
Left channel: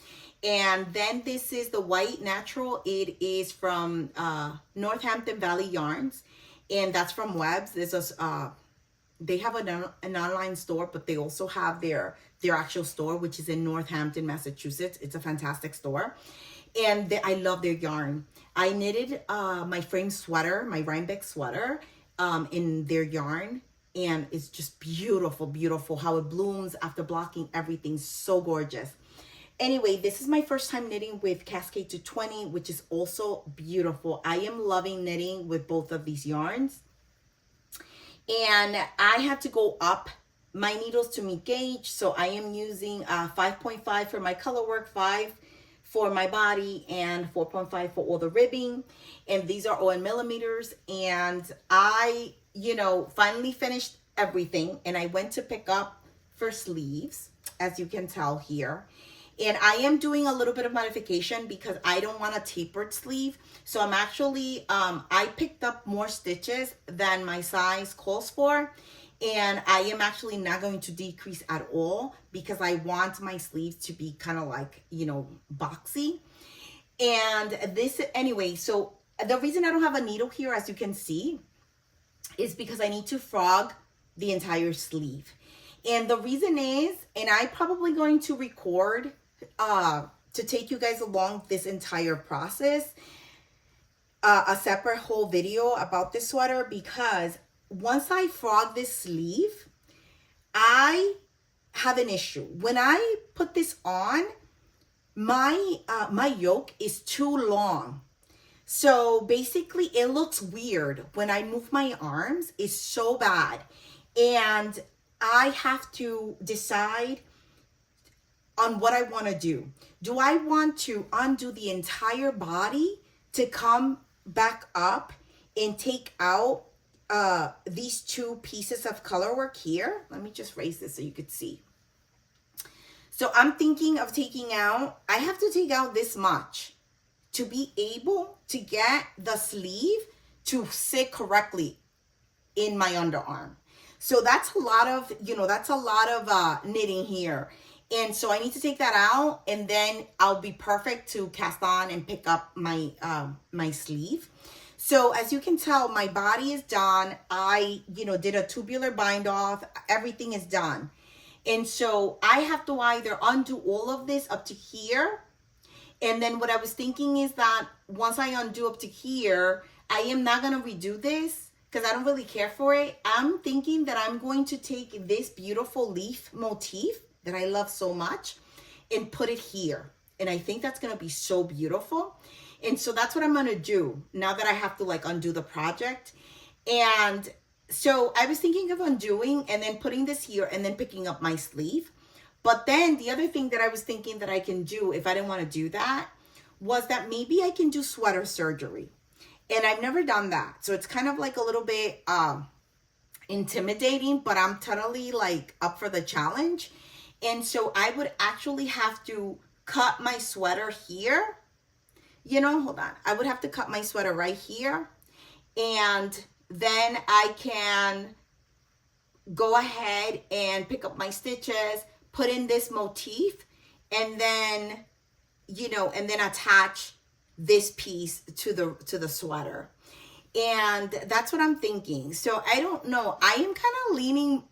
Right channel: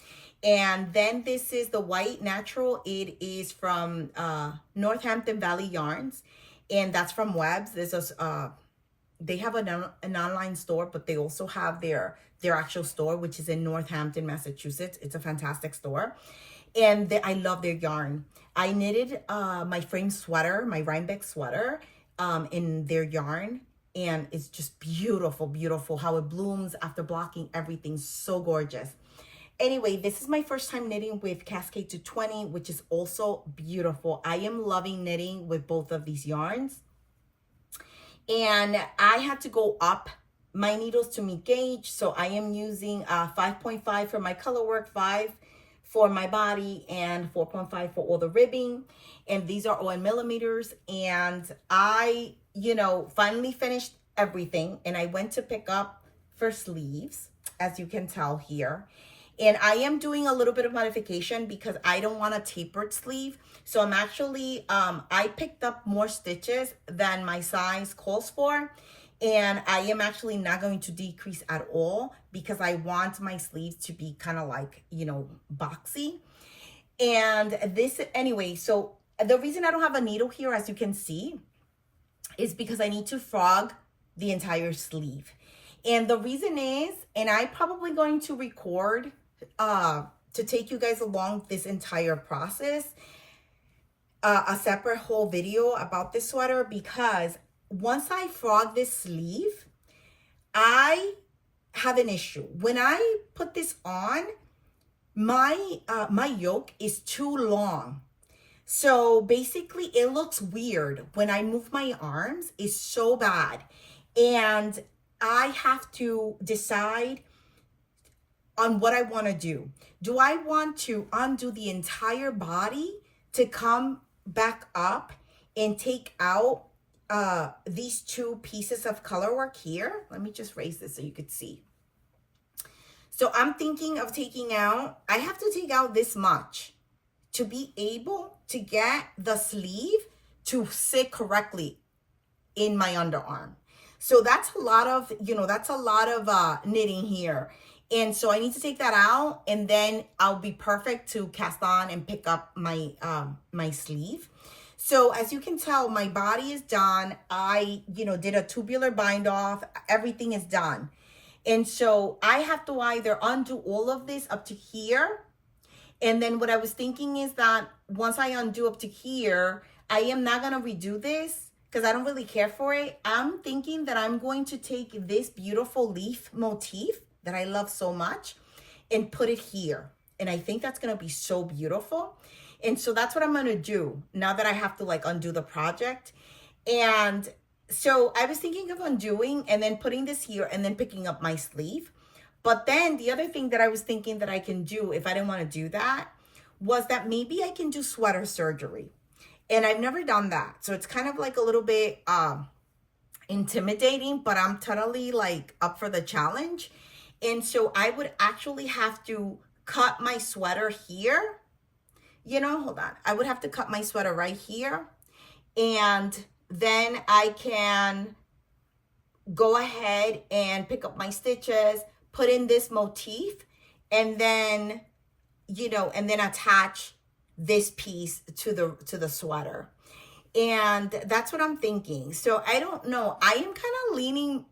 And then this is the white natural. It is from Northampton Valley Yarns, and that's from Webb's. This is they have an online store, but they also have their actual store, which is in Northampton, Massachusetts. It's a fantastic store, and I love their yarn. I knitted my frame sweater, my Rhinebeck sweater, in their yarn, and it's just beautiful, beautiful how it blooms after blocking everything. So gorgeous. Anyway, this is my first time knitting with Cascade 220, which is also beautiful. I am loving knitting with both of these yarns. And I had to go up my needles to meet gauge. So I am using 5.5 for my color work, 5 for my body, and 4.5 for all the ribbing. And these are all in millimeters. And I, you know, finally finished everything. And I went to pick up for sleeves, as you can tell here. And I am doing a little bit of modification because I don't want a tapered sleeve. So I'm actually, I picked up more stitches than my size calls for. And I am actually not going to decrease at all because I want my sleeves to be kind of like, you know, boxy. And this, anyway, so the reason I don't have a needle here, as you can see, is because I need to frog the entire sleeve. And the reason is, and I'm probably going to record to take you guys along this entire process, a separate whole video about this sweater, because once I frog this sleeve, I have an issue. When I put this on, my yoke is too long. So basically it looks weird when I move my arms. It's so bad. And I have to decide on what I want to do. Do I want to undo the entire body to come back up and take out these two pieces of color work here? Let me just raise this so you could see. So I'm thinking of taking out, I have to take out this much to be able to get the sleeve to sit correctly in my underarm. So that's a lot of, you know, that's a lot of knitting here. And so I need to take that out, and then I'll be perfect to cast on and pick up my my sleeve. So as you can tell, my body is done. I, you know, did a tubular bind off. Everything is done. And so I have to either undo all of this up to here, And then what I was thinking is that once I undo up to here, I am not going to redo this because I don't really care for it. I'm thinking that I'm going to take this beautiful leaf motif that I love so much and put it here. And I think that's going to be so beautiful. And so that's what I'm going to do now that I have to like undo the project. And so I was thinking of undoing and then putting this here and then picking up my sleeve. But then the other thing that I was thinking that I can do if I didn't want to do that was that maybe I can do sweater surgery. And I've never done that. So it's kind of like a little bit intimidating, but I'm totally like up for the challenge. And so I would actually have to cut my sweater here. You know, hold on. I would have to cut my sweater right here. And then I can go ahead and pick up my stitches, put in this motif, and then, you know, and then attach this piece to the sweater. And that's what I'm thinking. So I don't know. I am kind of leaning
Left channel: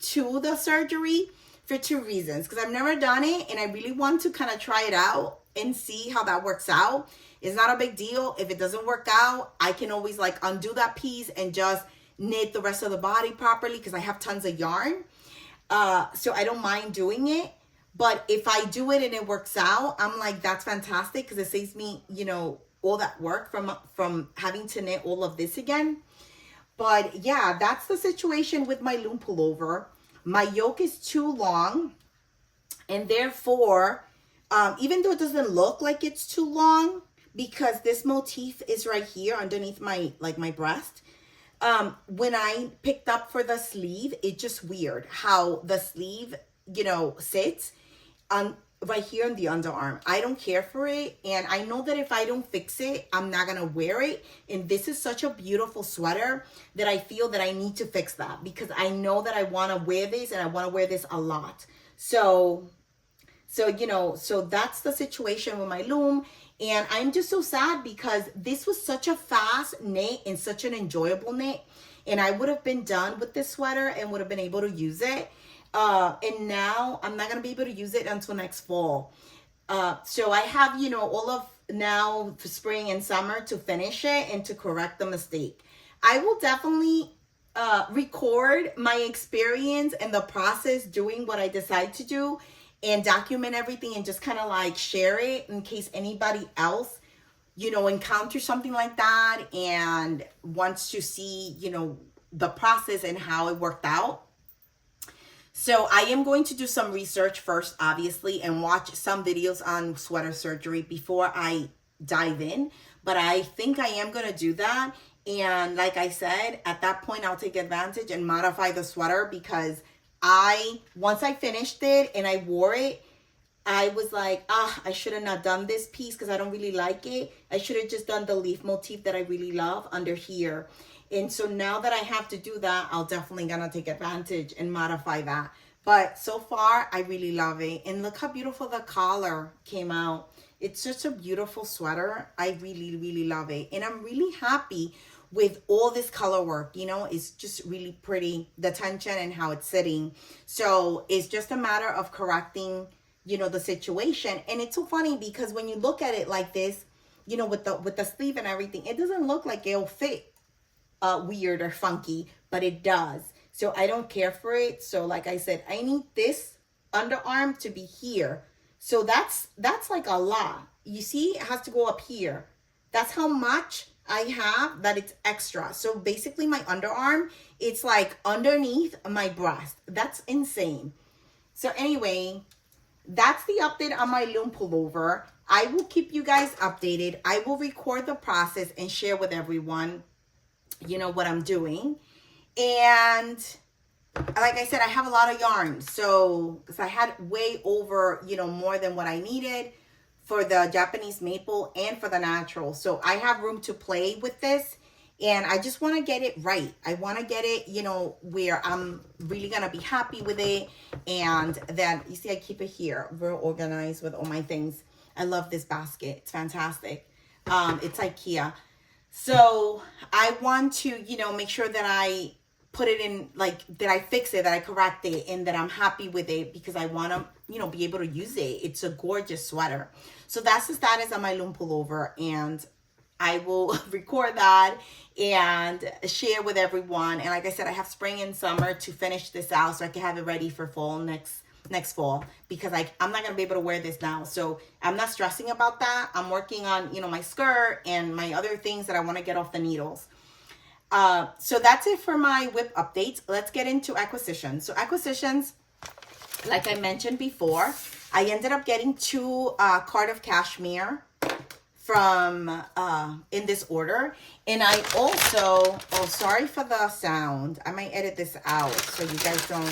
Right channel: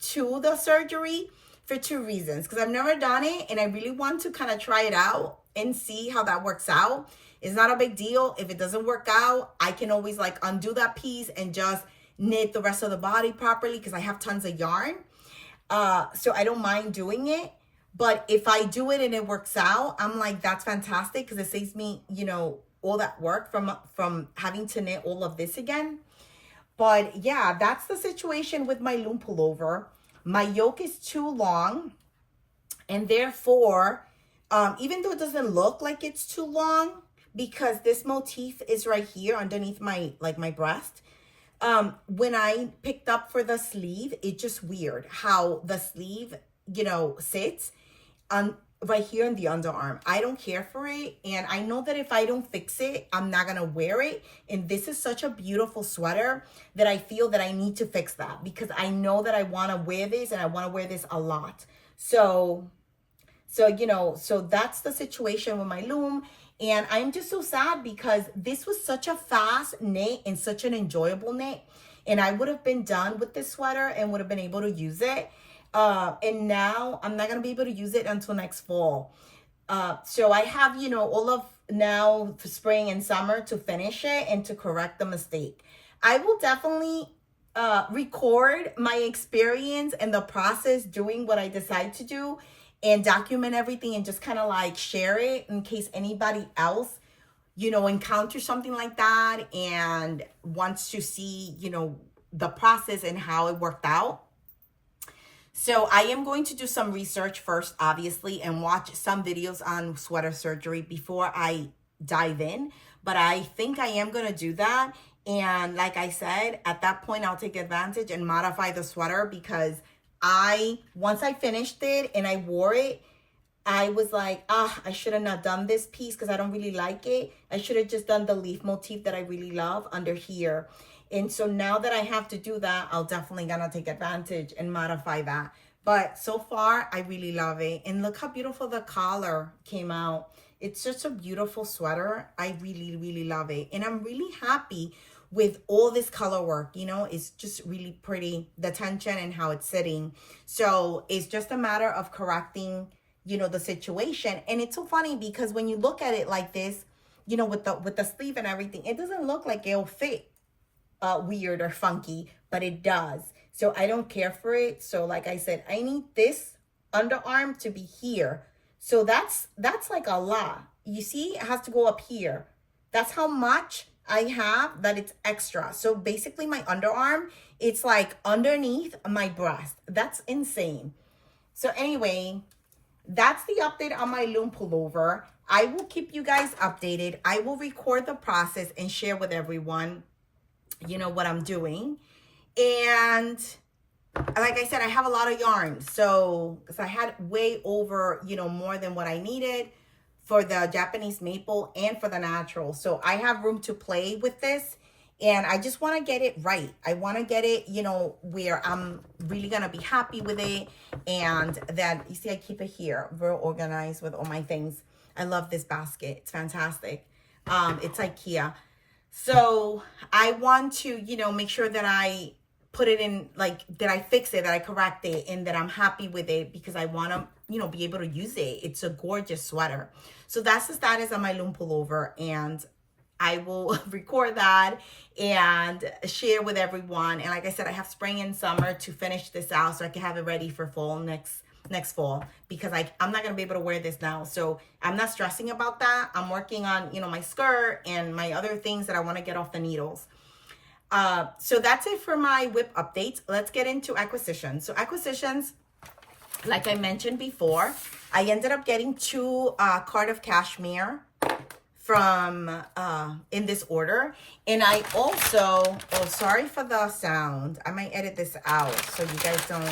to the surgery for two reasons. Because I've never done it and I really want to kind of try it out and see how that works out. It's not a big deal. If it doesn't work out, I can always like undo that piece and just knit the rest of the body properly because I have tons of yarn. So I don't mind doing it. But if I do it and it works out, I'm like, that's fantastic because it saves me, you know, all that work from having to knit all of this again. But yeah, that's the situation with my loom pullover. My yoke is too long, and therefore, even though it doesn't look like it's too long, because this motif is right here underneath my breast, when I picked up for the sleeve, it's just weird how the sleeve, you know, sits on right here in the underarm. I don't care for it, and I know that if I don't fix it, I'm not gonna wear it. And this is such a beautiful sweater that I feel that I need to fix that because I know that I want to wear this and I want to wear this a lot. So you know, so that's the situation with my loom. And I'm just so sad because this was such a fast knit and such an enjoyable knit, and I would have been done with this sweater and would have been able to use it. And now I'm not going to be able to use it until next fall. So I have, you know, all of now for spring and summer to finish it and to correct the mistake. I will definitely record my experience and the process doing what I decide to do and document everything and just kind of like share it in case anybody else, you know, encounters something like that and wants to see, you know, the process and how it worked out. So I am going to do some research first, obviously, and watch some videos on sweater surgery before I dive in. But I think I am going to do that. And like I said, at that point, I'll take advantage and modify the sweater because once I finished it and I wore it, I was like, I should have not done this piece because I don't really like it. I should have just done the leaf motif that I really love under here. And so now that I have to do that, I'll definitely gonna take advantage and modify that. But so far, I really love it. And look how beautiful the collar came out. It's such a beautiful sweater. I really, really love it. And I'm really happy with all this color work. You know, it's just really pretty, the tension and how it's sitting. So it's just a matter of correcting, you know, the situation. And it's so funny because when you look at it like this, you know, with the sleeve and everything, it doesn't look like it'll fit weird or funky, but it does. So I don't care for it. So like I said, I need this underarm to be here. So that's like a lot. You see, it has to go up here. That's how much I have that it's extra. So basically my underarm, it's like underneath my breast. That's insane. So anyway, that's the update on my loom pullover. I will keep you guys updated. I will record the process and share with everyone, you know, what I'm doing. And like I said, I have a lot of yarn. So, because I had way over, you know, more than what I needed for the Japanese maple and for the natural. So I have room to play with this. And I just want to get it right. I want to get it, you know, where I'm really going to be happy with it. And then, you see, I keep it here. Real organized with all my things. I love this basket. It's fantastic. It's IKEA. So I want to, you know, make sure that I put it in, like, did I fix it, that I correct it, and that I'm happy with it because I want to, you know, be able to use it. It's a gorgeous sweater. So that's the status on my Lumme Pullover, and I will record that and share with everyone. And like I said, I have spring and summer to finish this out so I can have it ready for fall next fall, because I'm not going to be able to wear this now. So I'm not stressing about that. I'm working on, you know, my skirt and my other things that I want to get off the needles. So that's it for my whip updates. Let's get into acquisitions. So acquisitions, like I mentioned before, I ended up getting 2 Cardiff Cashmere from in this order. And I also, oh, sorry for the sound. I might edit this out so you guys don't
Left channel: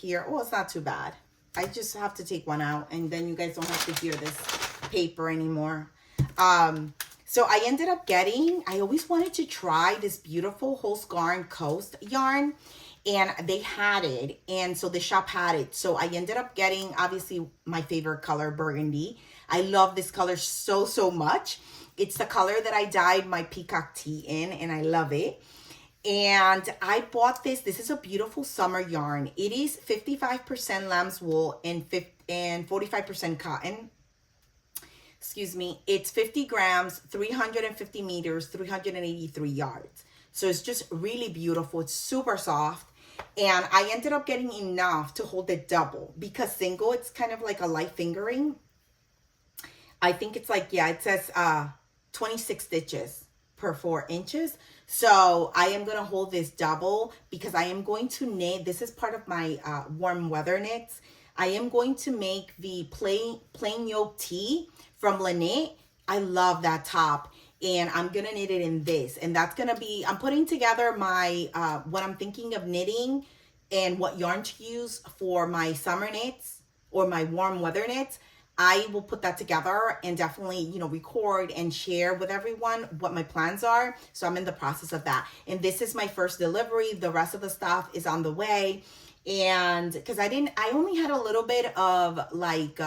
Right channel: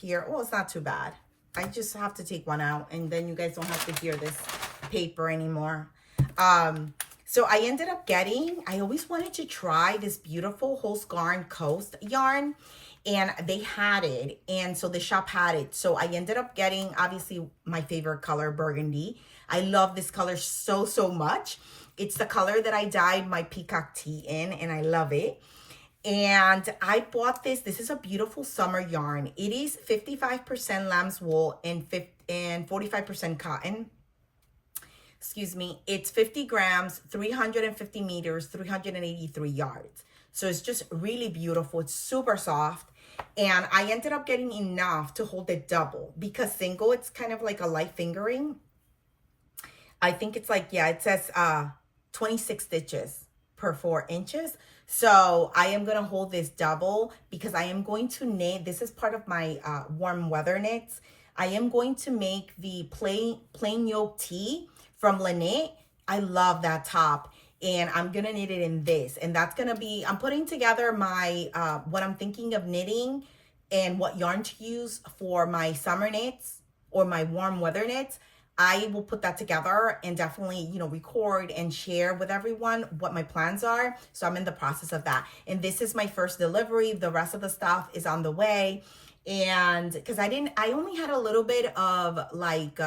hear. Oh, it's not too bad. I just have to take one out, and then you guys don't have to hear this paper anymore. So I ended up getting, I always wanted to try this beautiful Holzgarn Coast yarn, and they had it. And so the shop had it. So I ended up getting, obviously, my favorite color, burgundy. I love this color so, so much. It's the color that I dyed my peacock tee in, and I love it. And I bought this. This is a beautiful summer yarn. It is 55% lamb's wool and 45% cotton. Excuse me. It's 50 grams, 350 meters, 383 yards. So it's just really beautiful. It's super soft. And I ended up getting enough to hold it double, because single, it's kind of like a light fingering. I think it's like, yeah, it says 26 stitches per 4 inches. So I am going to hold this double because I am going to knit. This is part of my warm weather knits. I am going to make the plain yoke tee from Knit. I love that top, and I'm going to knit it in this. And that's going to be, I'm putting together my, what I'm thinking of knitting and what yarn to use for my summer knits or my warm weather knits. I will put that together and definitely, you know, record and share with everyone what my plans are. So I'm in the process of that. And this is my first delivery. The rest of the stuff is on the way. And because I only had a little bit of like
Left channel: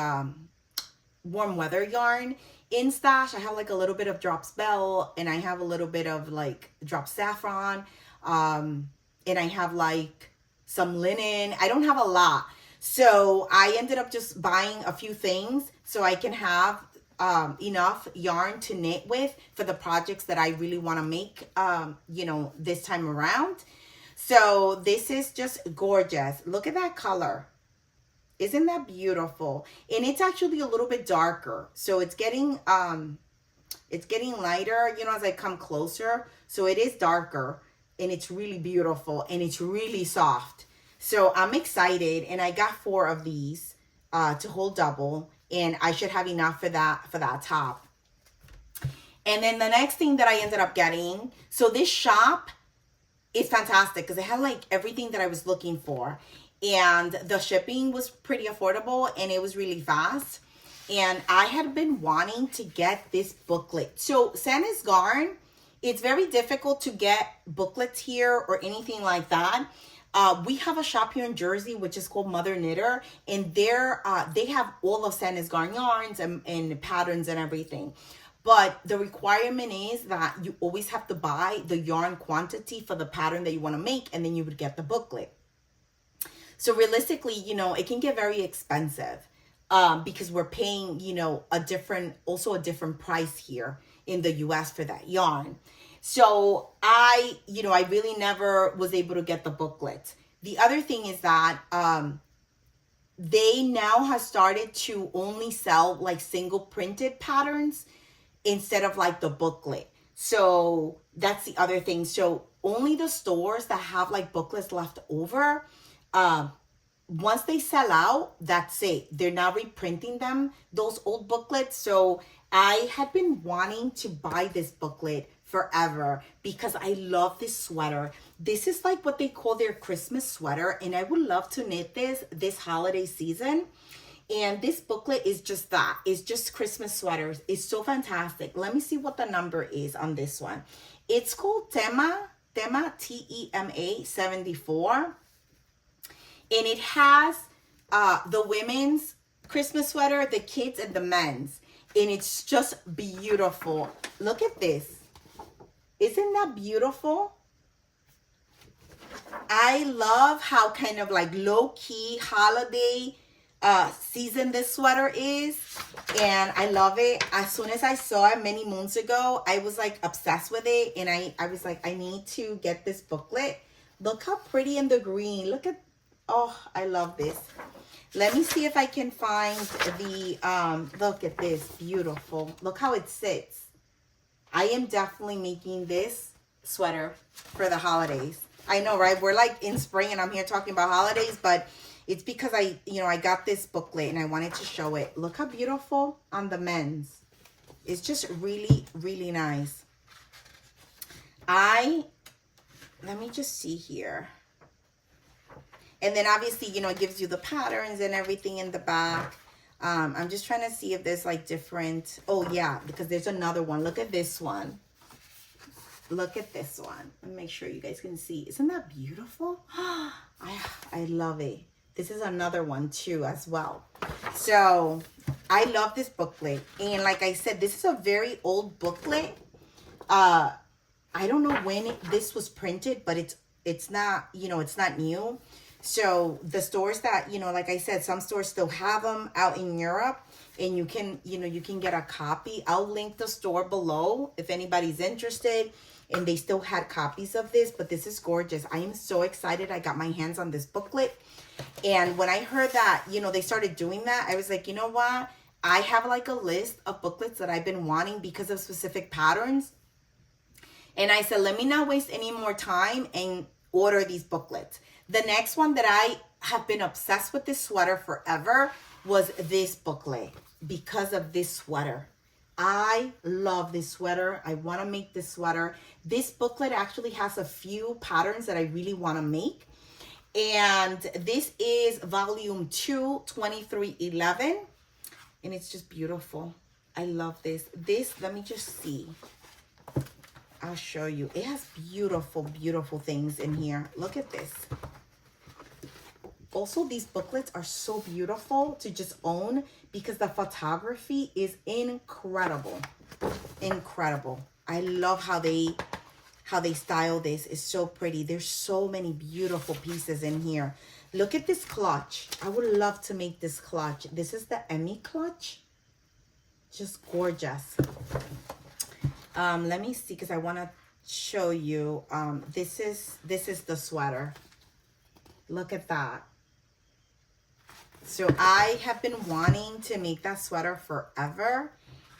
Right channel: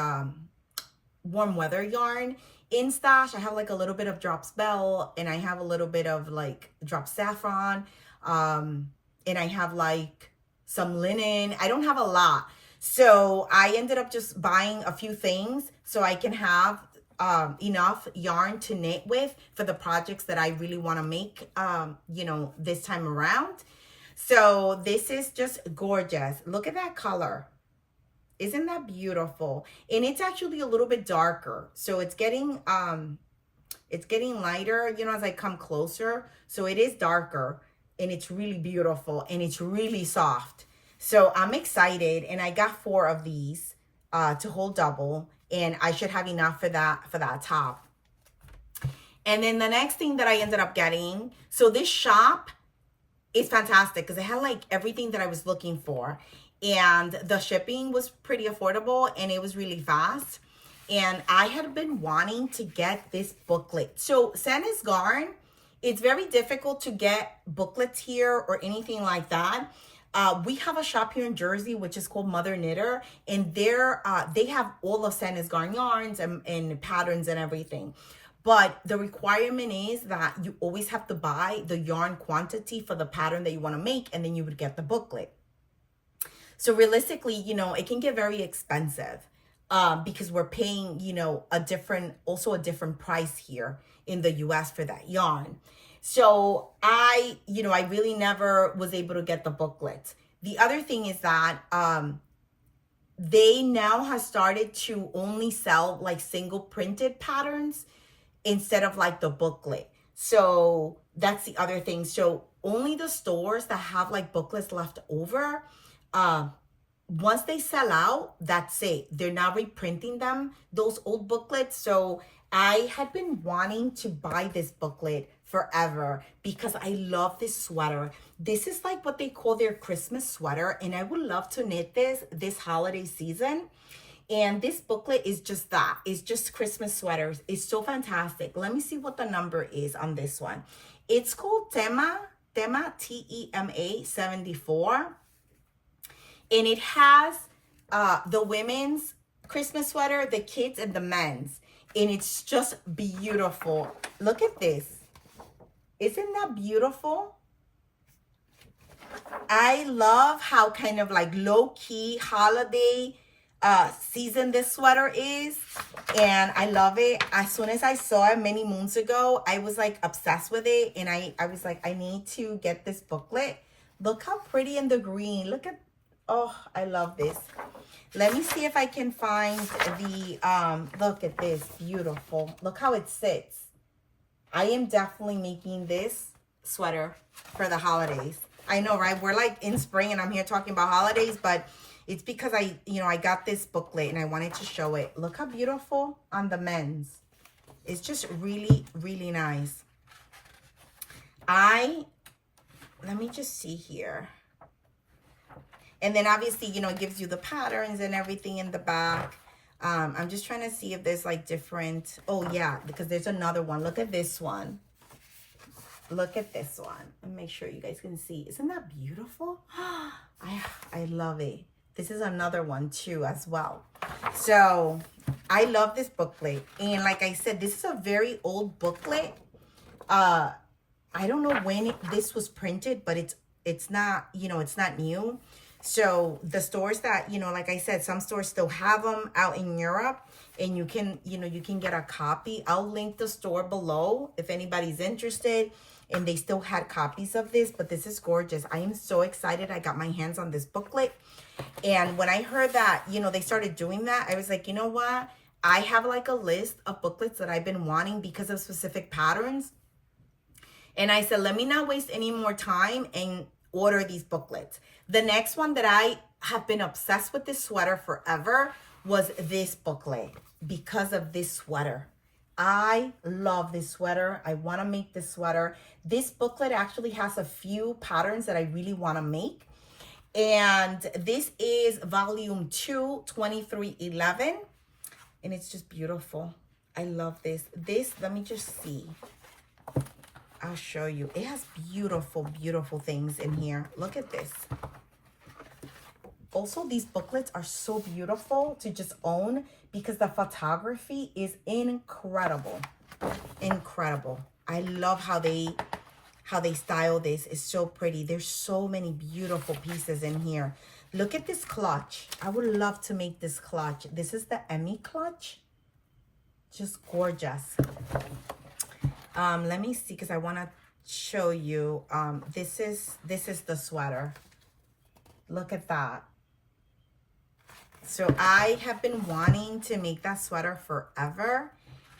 warm weather yarn in stash. I have like a little bit of Drops Bell, and I have a little bit of like Drop Saffron. And I have like some linen. I don't have a lot. So I ended up just buying a few things so I can have enough yarn to knit with for the projects that I really want to make, you know, this time around. So this is just gorgeous. Look at that color. Isn't that beautiful? And it's actually a little bit darker. So it's getting lighter, you know, as I come closer. So it is darker, and it's really beautiful, and it's really soft. So I'm excited, and I got 4 of these to hold double, and I should have enough for that top. And then the next thing that I ended up getting, so this shop is fantastic because it had like everything that I was looking for, and the shipping was pretty affordable, and it was really fast. And I had been wanting to get this booklet. So Santa's Garn, it's very difficult to get booklets here or anything like that. We have a shop here in Jersey, which is called Mother Knitter, and they have all of Santa's Garn yarns and patterns and everything. But the requirement is that you always have to buy the yarn quantity for the pattern that you want to make, and then you would get the booklet. So realistically, you know, it can get very expensive because we're paying, you know, a different price here in the US for that yarn. So I really never was able to get the booklet. The other thing is that they now have started to only sell like single printed patterns instead of like the booklet. So that's the other thing. So only the stores that have like booklets left over, once they sell out, that's it. They're now reprinting them, those old booklets. So I had been wanting to buy this booklet forever because I love this sweater. This is like what they call their Christmas sweater, and I would love to knit this holiday season. And this booklet is just that. It's just Christmas sweaters. It's so fantastic. Let me see what the number is on this one. It's called Tema, Tema 74. And it has the women's Christmas sweater, the kids, and the men's. And it's just beautiful. Look at this. Isn't that beautiful? I love how kind of like low-key holiday season this sweater is, and I love it. As soon as I saw it many moons ago, I was like obsessed with it, and I was like, I need to get this booklet. Look how pretty in the green. Look at, oh, I love this. Let me see if I can find the look at this, beautiful. Look how it sits. I am definitely making this sweater for the holidays. I know, right? We're like in spring and I'm here talking about holidays, but it's because I got this booklet and I wanted to show it. Look how beautiful on the men's. It's just really, really nice. Let me just see here. And then obviously, it gives you the patterns and everything in the back. I'm just trying to see if there's like different, oh yeah, because there's another one. Look at this one. Look at this one. Let me make sure you guys can see. Isn't that beautiful? I love it. This is another one too as well. So I love this booklet. And like I said, this is a very old booklet. I don't know when this was printed, but it's not, it's not new. So the stores that, like I said, some stores still have them out in Europe, and you can get a copy. I'll link the store below if anybody's interested, and they still had copies of this, but this is gorgeous. I am so excited I got my hands on this booklet. And when I heard that, they started doing that, I was like, you know what? I have like a list of booklets that I've been wanting because of specific patterns. And I said, let me not waste any more time and order these booklets. The next one that I have been obsessed with this sweater forever was this booklet because of this sweater. I love this sweater. I want to make this sweater. This booklet actually has a few patterns that I really want to make. And this is volume 2, 2311. And it's just beautiful. I love this. Let me just see. I'll show you. It has beautiful, beautiful things in here. Look at this. Also, these booklets are so beautiful to just own because the photography is incredible. Incredible. I love how they style this. It's so pretty. There's so many beautiful pieces in here. Look at this clutch. I would love to make this clutch. This is the Emmy clutch. Just gorgeous. Let me see, because I want to show you. This is the sweater. Look at that. So I have been wanting to make that sweater forever,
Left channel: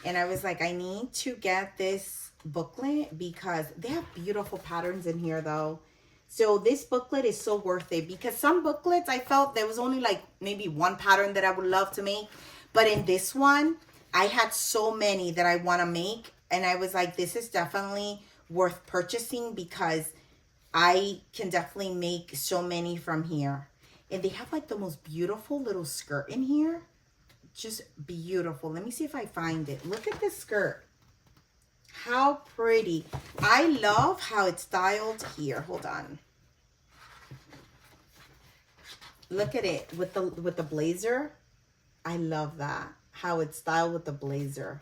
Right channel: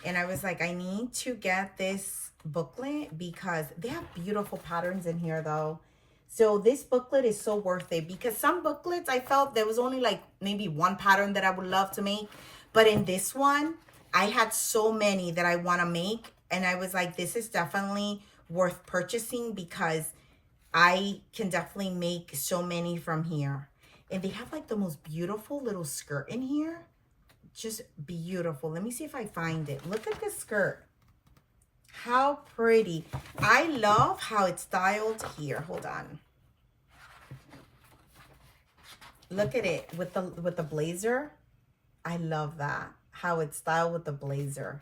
and I was like, I need to get this booklet because they have beautiful patterns in here though. So this booklet is so worth it, because some booklets I felt there was only like maybe one pattern that I would love to make, but in this one I had so many that I want to make, and I was like, this is definitely worth purchasing because I can definitely make so many from here. And they have like the most beautiful little skirt in here. Just beautiful. Let me see if I find it. Look at this skirt. How pretty. I love how it's styled here. Hold on. Look at it with the blazer. I love that. How it's styled with the blazer.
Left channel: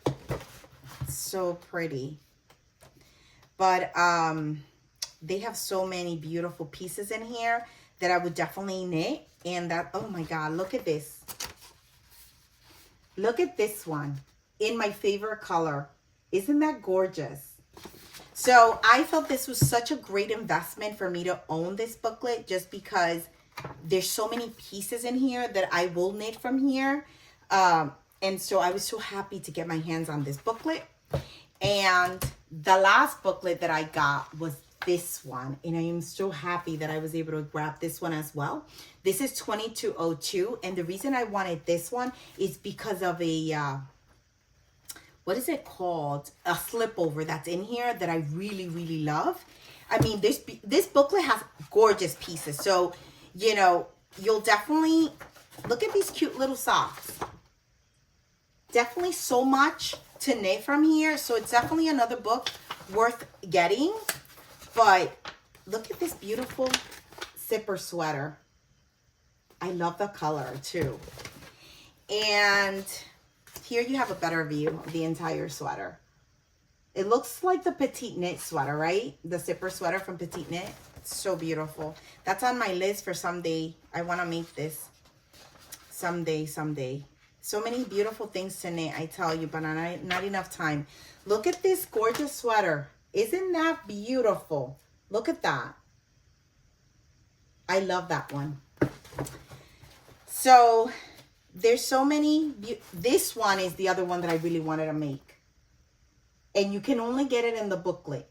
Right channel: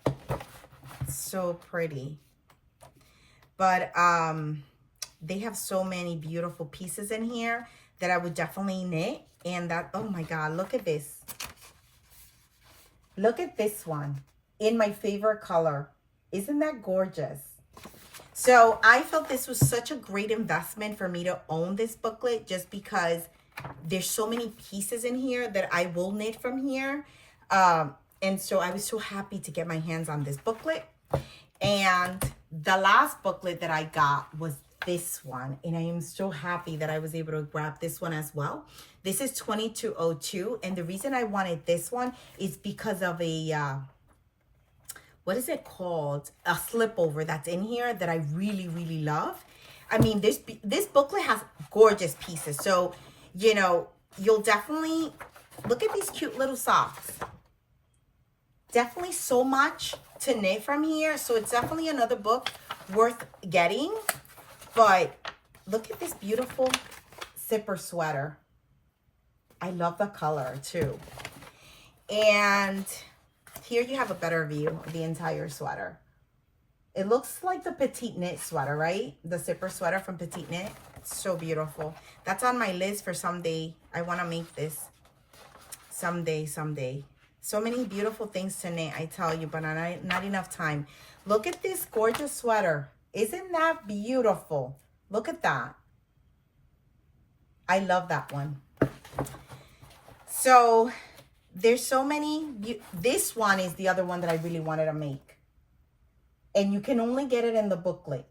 So pretty. But they have so many beautiful pieces in here that I would definitely knit. And that, oh my God, look at this. Look at this one in my favorite color. Isn't that gorgeous? So I felt this was such a great investment for me to own this booklet, just because there's so many pieces in here that I will knit from here. And so I was so happy to get my hands on this booklet. And the last booklet that I got was this one, and I am so happy that I was able to grab this one as well. This is 2202, and the reason I wanted this one is because of a what is it called, a slip over that's in here that I really, really love. I mean, this booklet has gorgeous pieces, so you'll definitely look at these cute little socks. Definitely so much to knit from here, so it's definitely another book worth getting. But look at this beautiful zipper sweater. I love the color too. And here you have a better view of the entire sweater. It looks like the Petiteknit sweater, right? The zipper sweater from Petiteknit. It's so beautiful. That's on my list for someday. I want to make this someday. So many beautiful things to knit, I tell you, but not enough time. Look at this gorgeous sweater. Isn't that beautiful? Look at that. I love that one. So there's so many. This one is the other one that I really wanted to make. And you can only get it in the booklet.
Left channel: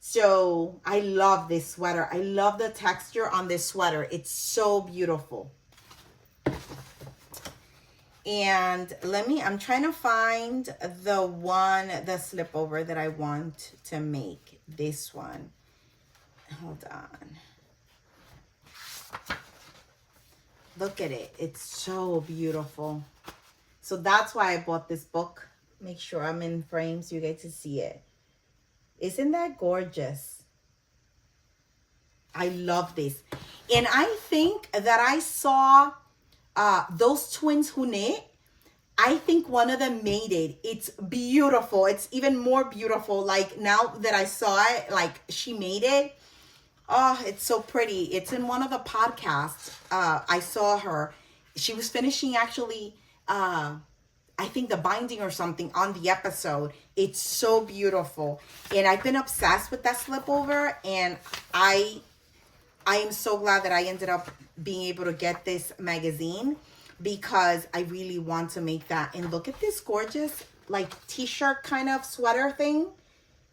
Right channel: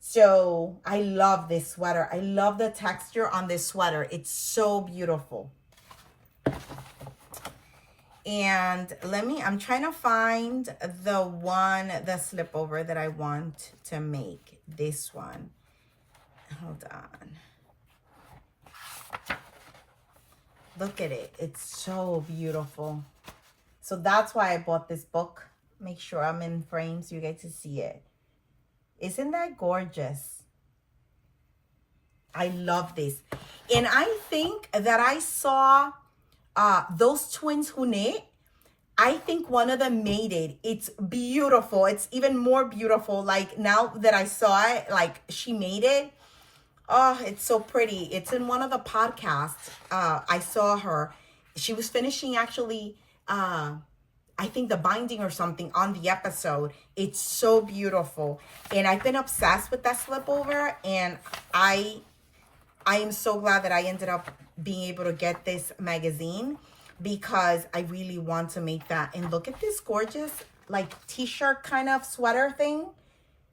So I love this sweater. I love the texture on this sweater. It's so beautiful. And I'm trying to find the slip over that I want to make. This one. Hold on. Look at it. It's so beautiful. So that's why I bought this book. Make sure I'm in frame so you get to see it. Isn't that gorgeous? I love this. And I think that I saw those twins who knit. I think one of them made it. It's beautiful. It's even more beautiful. Like now that I saw it, like she made it. Oh, it's so pretty. It's in one of the podcasts. I saw her. She was finishing actually, I think the binding or something on the episode. It's so beautiful. And I've been obsessed with that slip over. And I am so glad that I ended up being able to get this magazine because I really want to make that. And look at this gorgeous like t-shirt kind of sweater thing.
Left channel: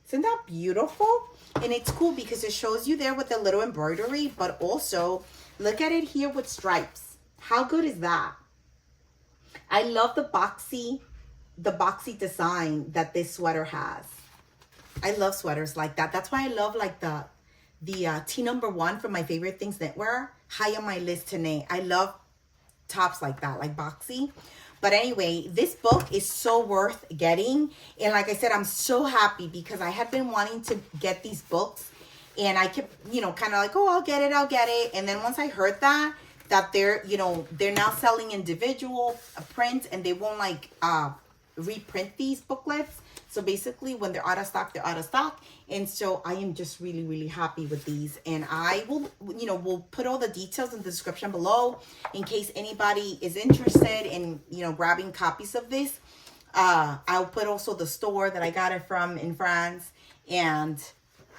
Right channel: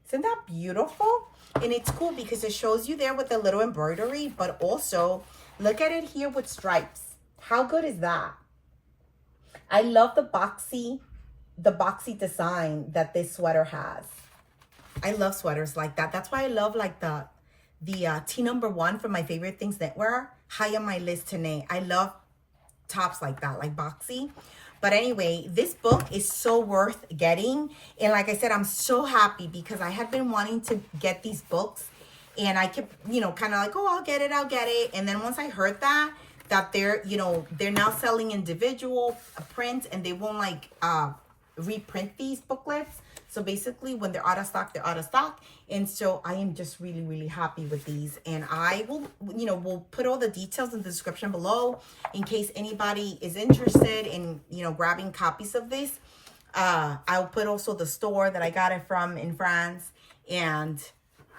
Isn't that beautiful? And it's cool because it shows you there with the little embroidery, but also look at it here with stripes. How good is that? I love the boxy design that this sweater has. I love sweaters like that. That's why I love like the T1 from My Favorite Things Knitwear. High on my list to knit. I love tops like that, like boxy. But anyway, this book is so worth getting. And like I said, I'm so happy because I had been wanting to get these books. And I kept, kind of like, oh, I'll get it. And then once I heard that they're, they're now selling individual prints and they won't like reprint these booklets. So basically when they're out of stock, they're out of stock. And so I am just really, really happy with these. And I will, we'll put all the details in the description below in case anybody is interested in, grabbing copies of this. I'll put also the store that I got it from in France and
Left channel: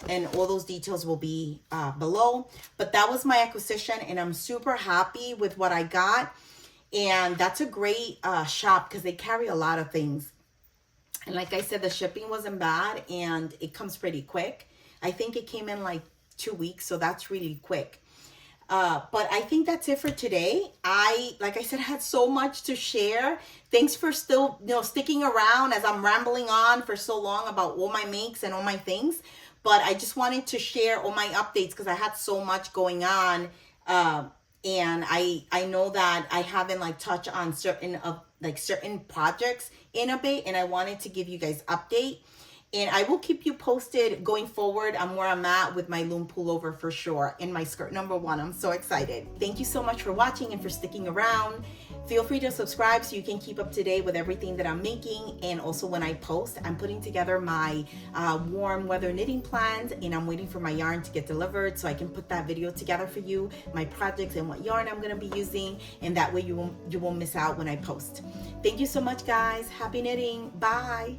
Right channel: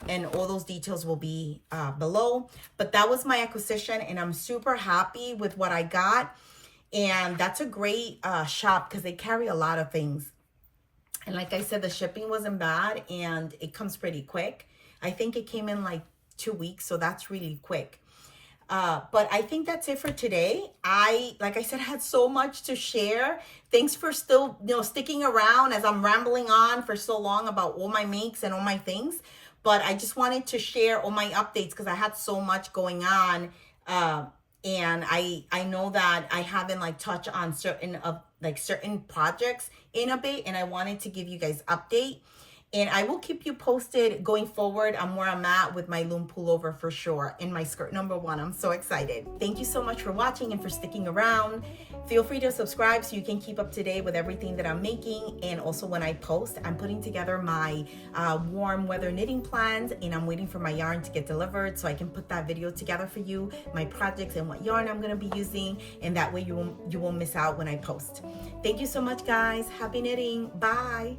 all those details will be below. But that was my acquisition and I'm super happy with what I got. And that's a great shop because they carry a lot of things. And like I said, the shipping wasn't bad and it comes pretty quick. I think it came in like 2 weeks, so that's really quick. But I think that's it for today. Like I said, had so much to share. Thanks for still, sticking around as I'm rambling on for so long about all my makes and all my things. But I just wanted to share all my updates because I had so much going on. And I know that I haven't like touched on certain projects in a bit, and I wanted to give you guys update. And I will keep you posted going forward on where I'm at with my Lumme Pullover for sure, and my skirt #1. I'm so excited. Thank you so much for watching and for sticking around. Feel free to subscribe so you can keep up to date with everything that I'm making. And also when I post, I'm putting together my warm weather knitting plans, and I'm waiting for my yarn to get delivered so I can put that video together for you, my projects and what yarn I'm going to be using, and that way you won't miss out when I post. Thank you so much, guys. Happy knitting. Bye.